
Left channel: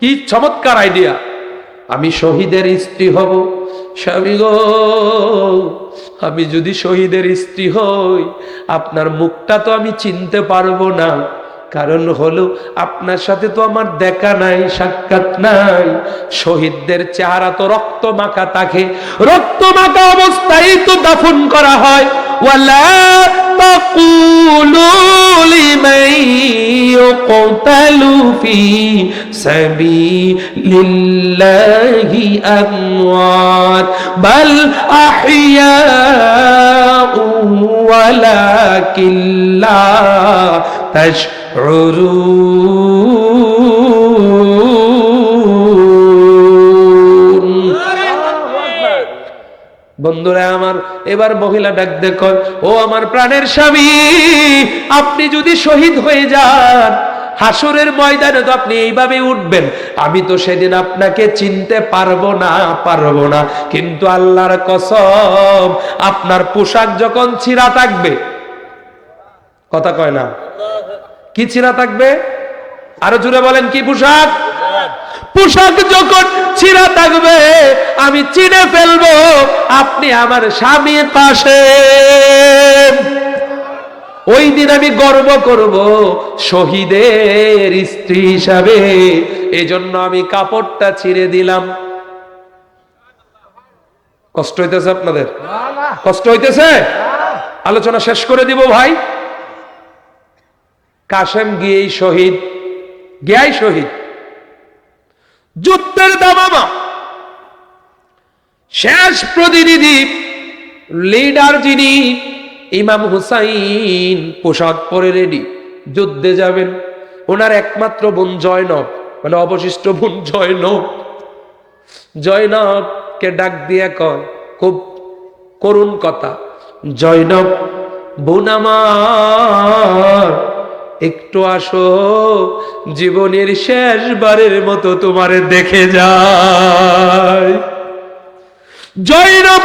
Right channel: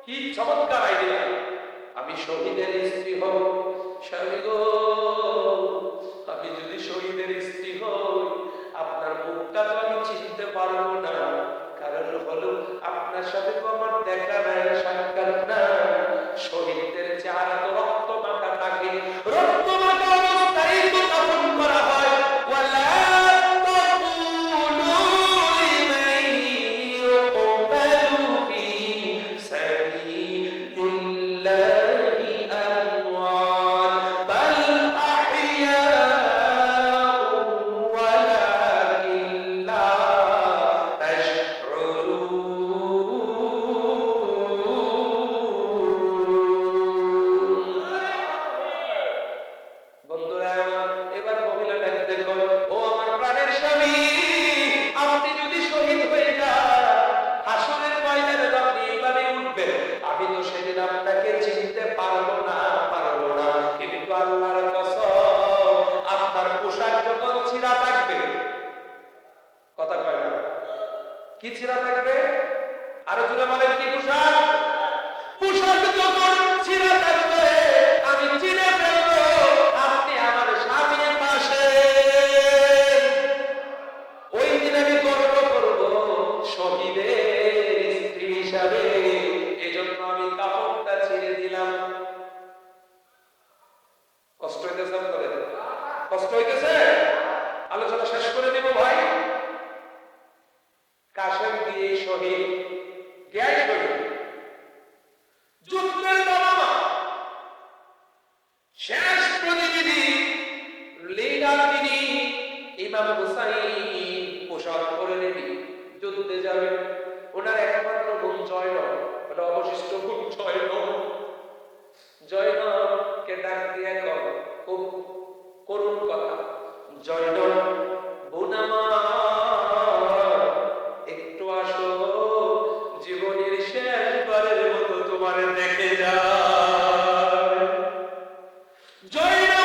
কি চমৎকার আইডিয়া! আমি শহীদের স্ত্রী হব। স্বামী গো, আমি যদি শহীদের স্ত্রী হই, আপনার মুখটা তো আমি চিনতে পারবো না। কারণ হলো, আপনার সাথে তো আমার দেখা নাই, সাক্ষাৎ নাই। শহীদদের চেহারা তো রক্ত মাখা থাকে, রক্ত মাখা অবস্থায় তো দাফন করা হয়। ওয়ালা তাকুলু লিমান ইউকতালু ফি সাবিলিল্লাহি আমওয়াত বাল আহইয়াউ ওয়ালাকিন লা তাশউরুন। বন্ধুরা আমার, এবার মহিলা ডাক দেখো, ও আমার প্রাণের স্বামী, আপনি যদি শহীদ হয়ে যান, হাসরের ময়দানে তো আপনি এইভাবে উঠবেন, আমি তো সেদিন আপনাকে চিনতে পারবো না, পারবো না। কিন্তু আল্লাহর কসম, আপনার পোশাক যখন ছিঁড়া থাকবে, কথা কয় না, কি ছিঁড়া থাকবে? আরো জোরে বলেন, কি পোশাক? পোশাক যখন ছিঁড়া থাকবে, আমি চিনে ফেলবো আপনি আমার স্বামীর পাশে। ওই দিন আমি গর্ব করব শহীদের স্ত্রী হিসাবে। এজন্য আমি কাপড়টা ছিঁড়ে দিলাম। কষ্ট হইতেছে আপনাদের? কষ্ট হইতেছে? আলোচনা শেষ করে দিব ভাই। কাসেম গিয়েই শহীদ, গিয়াই শহীদ। যুদ্ধের দামামা, শেষ প্রতিনিধি, লিডার যিনি, ইমাম হুসাইন পোশাক পরে রেডি, যুদ্ধে যাবেন। ওনার একমাত্র বোন জয়নব, মানে অবশিষ্ট বোন জয়নব, জয়নব জয়নবকে ডাক দিয়া কয়, খুব করুণ কথা, জয়নব বোন আমার, একটু আসো, জীবনের শেষবারের মতো তোমারে দেখে যায়। জয়নব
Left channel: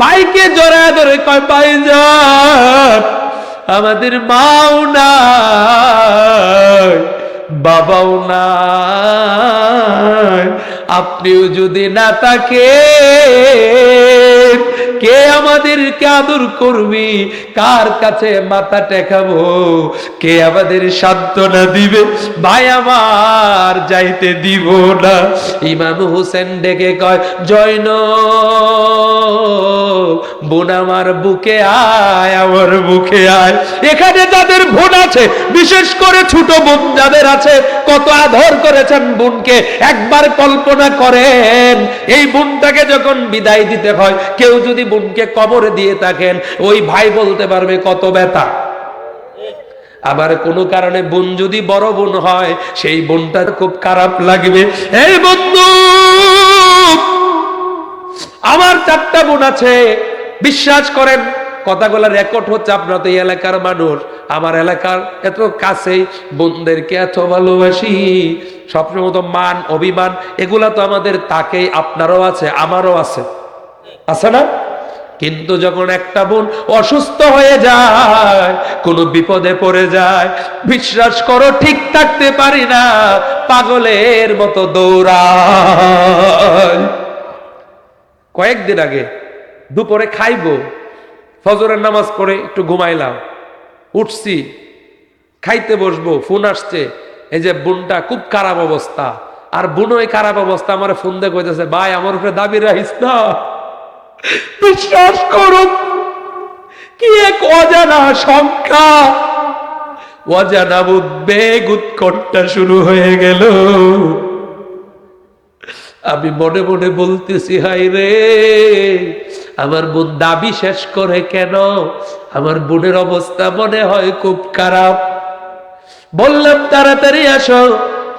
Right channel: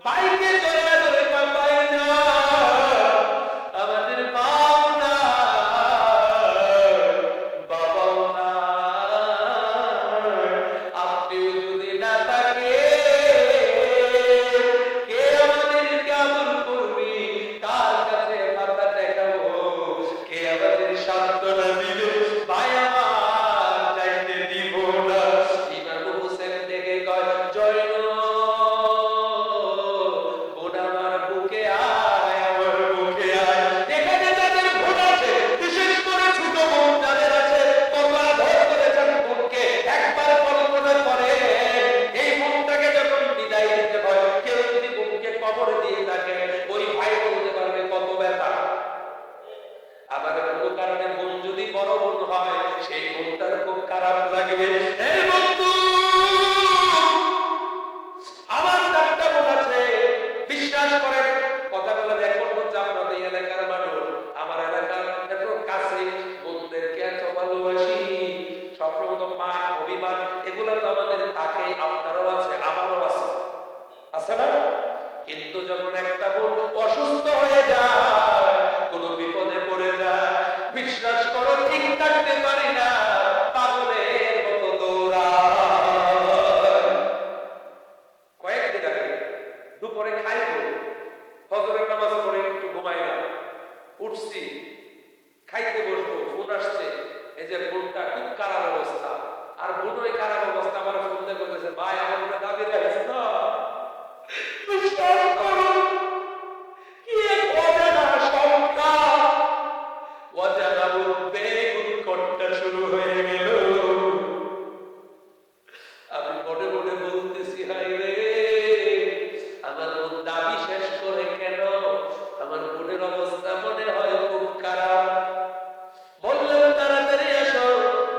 বাইকে জড়ায় ধরে কয়, ভাইজান আমাদের মাও নাই, বাবাও নাই, আপনিও যদি না থাকেন কে আমাদেরকে আদর করবি, কার কাছে মাথা টেকাবো, কে আমাদের সান্ত্বনা দিবে, ভাই আমার যাইতে দিব না। ইমাম হোসেন ডেকে কয়, জয়নব বোন আমার বুকে আয়, আমার বুকে আয়। এখানে যাদের বোন আছে, বিশেষ করে ছোট বোন যাদের আছে, কত আদর করেছেন বোনকে, একবার কল্পনা করেন এই বোনটাকে যখন বিদায় দিতে হয়, কেউ যদি বোনকে কবরে দিয়ে থাকেন, ওই ভাই বলতে পারবে কত ব্যথা। আবার কোনো কারণে বোন যদি বড় বোন হয়, সেই বোনটা খুব খারাপ লাগবে। এই বন্ধু, আমার 4টা বোন আছে, বিশ্বাস করেন কথাগুলো রেকর্ড হচ্ছে, আপনারা তো এই এলাকার মানুষ, আমার এলাকার এত কাছেই, বোনদেরকে এত ভালোবাসি, সবসময় তো মান অভিমান এগুলা তো আমাদের তাকেই, আপনারও আছে আমারও আছে, আছে না? কিন্তু যখন একটা বোন অসুস্থ হয়ে যায়, কোনো বিপদে পড়ে যায়, বিশ্বাস করো ঠিক থাকতে পারি না, পাগলের মতো দৌড়ায়। কয়েকদিন আগে দুপুরে খাইবো, ফজরের নামাজ পড়ে একটু ঘুমাইলাম, উঠছি খাইতে বসবো, ফোন আসছে, এই যে বোনটা খুব খারাপ অবস্থা, আর বোন ওই খারাপ অবস্থা আমার ফোন দিয়ে কইতেছে, ভাই আমার উপরে দাবি রাখিস না। বিশ্বাস করুন, কি এক অজানা সংখ্যা, অজানা উদ্বেগ, উৎকণ্ঠা শুরু হয়ে গেল। আমি মনে মনে বলতেছি, হাই রে, আমার বোন দাবি শেষ করে কেন, আমার বোনের অবস্থা মনে হয় খুব খারাপ। বললাম তাড়াতাড়ি আসো,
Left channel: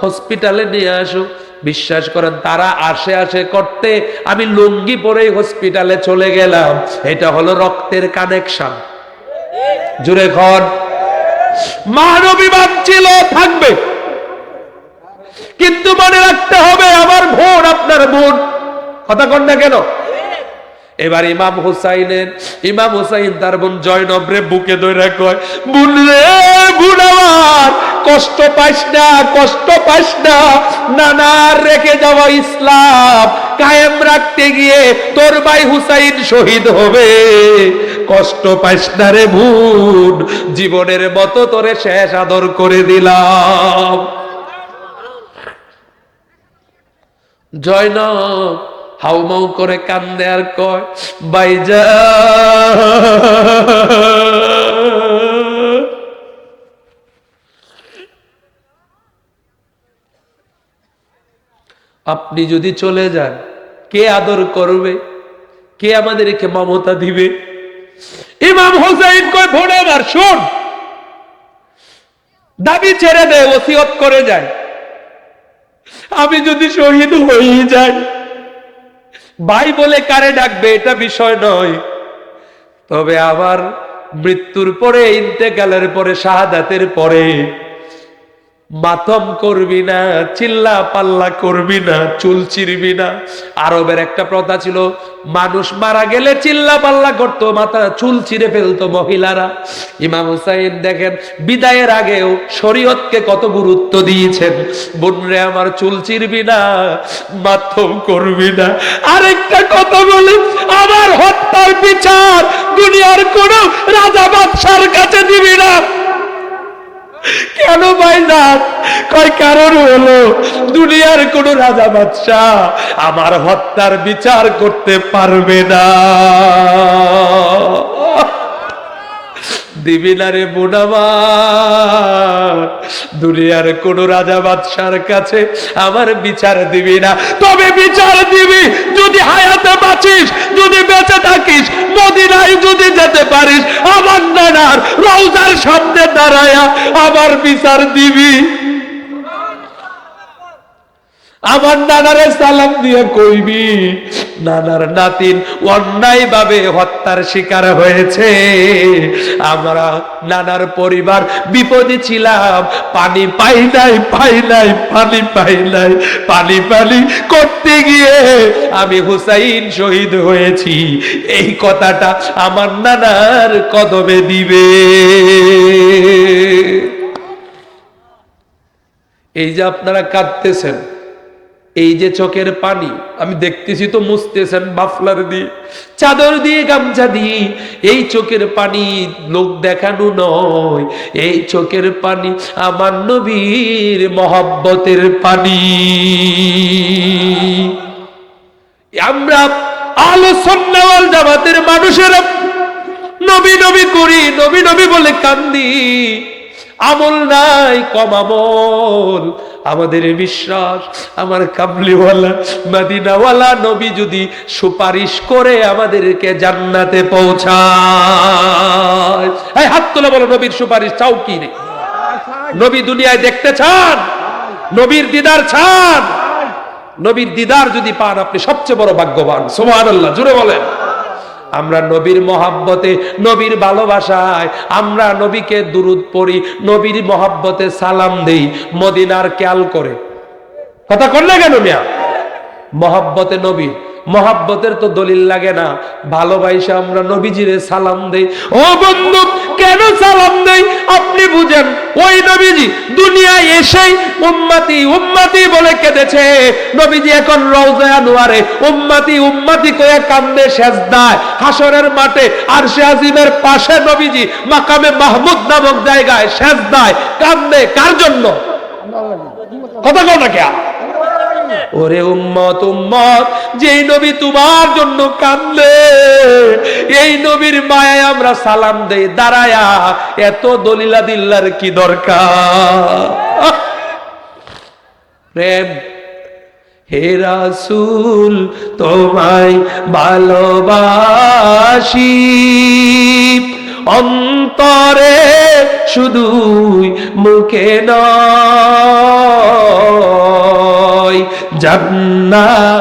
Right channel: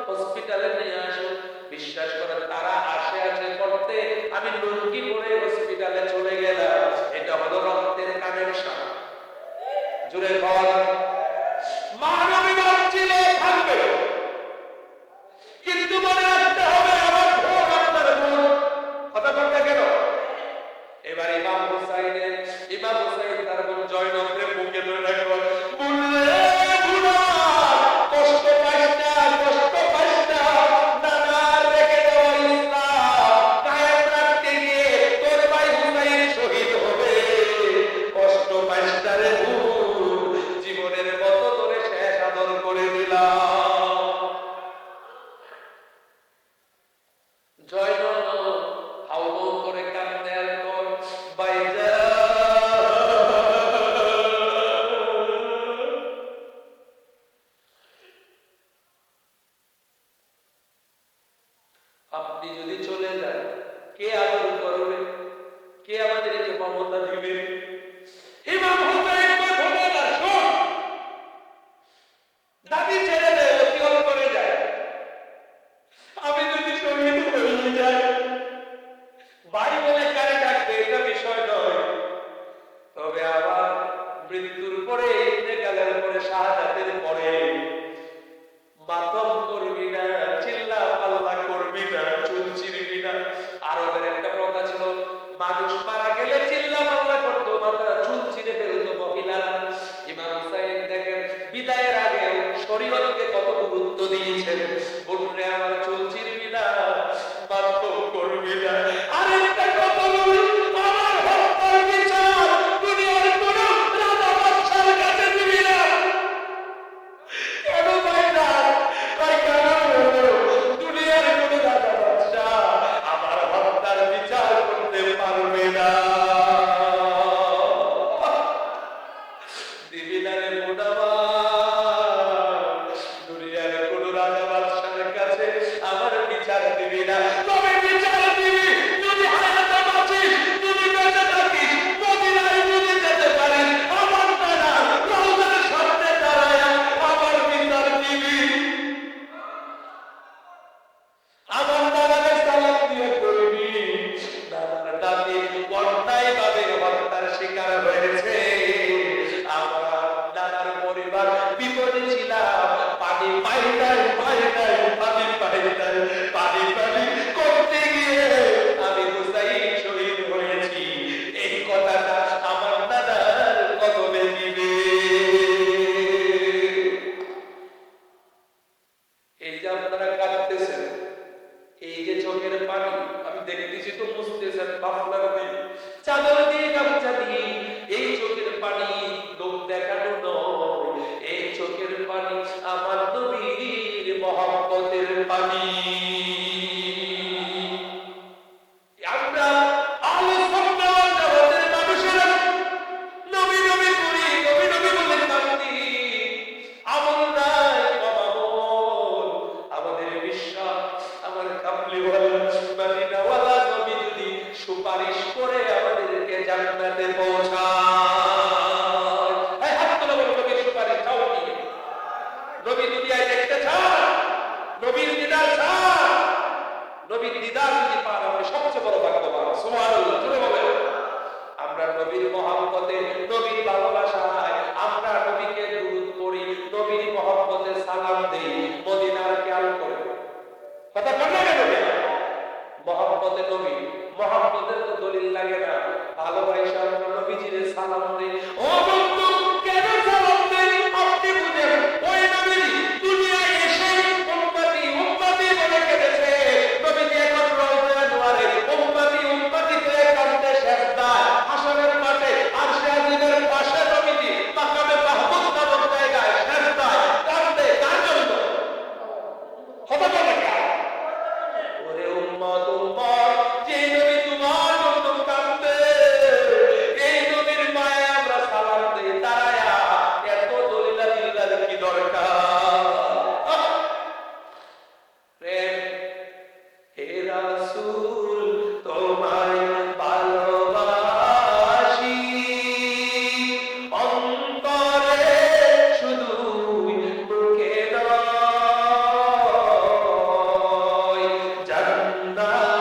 হসপিটালে নিয়ে আসো। বিশ্বাস করেন তারা আসে করতে আমি লুঙ্গি পরে হসপিটালে চলে গেলাম। এটা হলো রক্তের কানেকশন। জুড়ে ঘর মানবিবাদ ছিল, থাকবে, কিন্তু মনে রাখতে হবে আমার বোন আপনার বোন। কথা কন না কেন? এবার ইমাম হুসাইন তার বোন জয়নবরে বুকে ধরে কয়, বোন রে, বোন আমার, কষ্ট পাইস না, কষ্ট পাইস না, নানার রেখে যাওয়া ইসলাম কায়েম রাখতে গিয়ে তোর ভাই হুসাইন শহীদ হবে, কষ্ট পাইস না রে বোন, জীবনের মতো তোরে শেষ আদর করে দিলাম। জয়নব হাউমাউ করে কান্দে আর কয়, ভাইজান আপনি যদি চলে যান কে আদর করবে, কে আমাদেরকে মমতা দিবে? ইমাম হোসেন কয়, ভোরে আমার শোন, দাবি ছেড়ে দে, ওসিয়ত করে যায়, আমি যদি শহীদ হয়ে যাই, ভাই বলে কারে ডাকবে এটা বিষয় নয়, তবে আবার মৃত্যুর পরে, ইন্তেকালের পরে, শাহাদাতের পরে মাতম করবি না, চিল্লা পাল্লা করবি না, চুল চিরবি না। আরবের একটা প্রথা ছিল, মানুষ মারা গেলে চিল্লা পাল্লা করতো, মাথা চুল চিরে ফেলতো মহিলারা। ইমাম হুসাইন দেখেন বিদায়ের আগেও শরীয়তকে কত গুরুত্ব দিয়েছেন। বোনরে আমার, চুল চিরবি না, মাতম করবি না। আরেকটা কথা বলি, আমার হত্যার বিচার দুনিয়ার কোন রাজা বাদশার কাছে দিবি না। কেন ভাইজান? কয় কারণ হলো, দুনিয়ার কোন রাজা বাদশাহ আমার হত্যার বিচার করতে পারবে না। দিবি না রে বোন আমার, দুনিয়ার কোন রাজা বাদশার কাছে আমার বিচার দিবি না। তবে বিচার দিবি যদি হায়াতে বাঁচিস, যদি বেঁচে থাকিস, মদিনায় যদি যেতে পারিস, আমার নানার রওজার সামনে দাঁড়ায়া আমার বিচার দিবি। আমার নানারে সালাম দিয়ে কইবি নানার নাতিন অন্যায় ভাবে হত্যার শিকার হয়েছে। আমরা নানার পরিবার বিপদে ছিলাম, পানি পাই নাই পানি পাই নাই, পানি করতে গিয়ে আমি হুসাইন শহীদ হয়েছি। এই কথাটা আমার নানার কদমে দিবে। এই যে আপনারা কাঁদতেছেন, এই যে চোখের পানি আমি দেখতেছি তো মুছতেছেন মাফলার দিয়ে, চাদর দিয়ে, গামছা দিয়ে, এই চোখের পানি লোক দেখানো নয়, এই চোখের পানি আমার নবীর মহব্বতের পানি। আমরা আহলে সুন্নাহ ওয়াল জামাতের মানুষেরা নবী নবী করি, নবী নবী বলে কান্দি, আমল নাই, কম আমল। আমাদের বিশ্বাস আমার কামলিওয়ালা মদিনাওয়ালা নবী যদি সুপারিশ করে আমাদেরকে জান্নাতে পৌঁছায়। এই হাত তুলে বলো, নবীর সুপারিশ চাও কি রে? নবী দুনিয়ায় দেখতে চান? নবীর দিদার চান? নবীর দিদার যদি পান আপনি সবচেয়ে বড় ভাগ্যবান। সুবহানাল্লাহ, জোরে বলেন। আমরা নবীর মহাব্বতে, নবীর ভালোবাসায় আমরা নবীকে দুরূদ পড়ি, নবীর মহাব্বতে সালাম দেই। মদিনার খেয়াল করে কথা করলে কেন মিয়া? মহাব্বতে নবী, মহাব্বতের তো দলিল লাগে না, ভালোবাসা আমরা নবীজিরে সালাম দেই। ও বন্ধু, কেন সালাম দেই আপনি বুঝেন। ওই নবীজি দুনিয়ায় এসেই উম্মতি উম্মতি বলে কেঁদেছে। নবীজি এখন রওজায়ে আনোয়ারে উম্মতি উম্মতি করে কান্দে সেজদায়। হাসরের মাঠে আরশে আজিমের পাশে নবীজি মাকামে মাহমুদ নামক জায়গায় সেজদায় কান্দে। কার জন্য? কথা কও না কে? ওরে উম্মত উম্মত, যেই নবী তোমার জন্য কান্দে, এই নবীর মায়ায় আমরা সালাম দেই দাঁড়ায়া। এত দলিলা দিল্লার কি দরকার? প্রেম। হে রাসূল তোমায় ভালোবাসি, অন্তরে শুধুই মুখে নয়, জান্নাত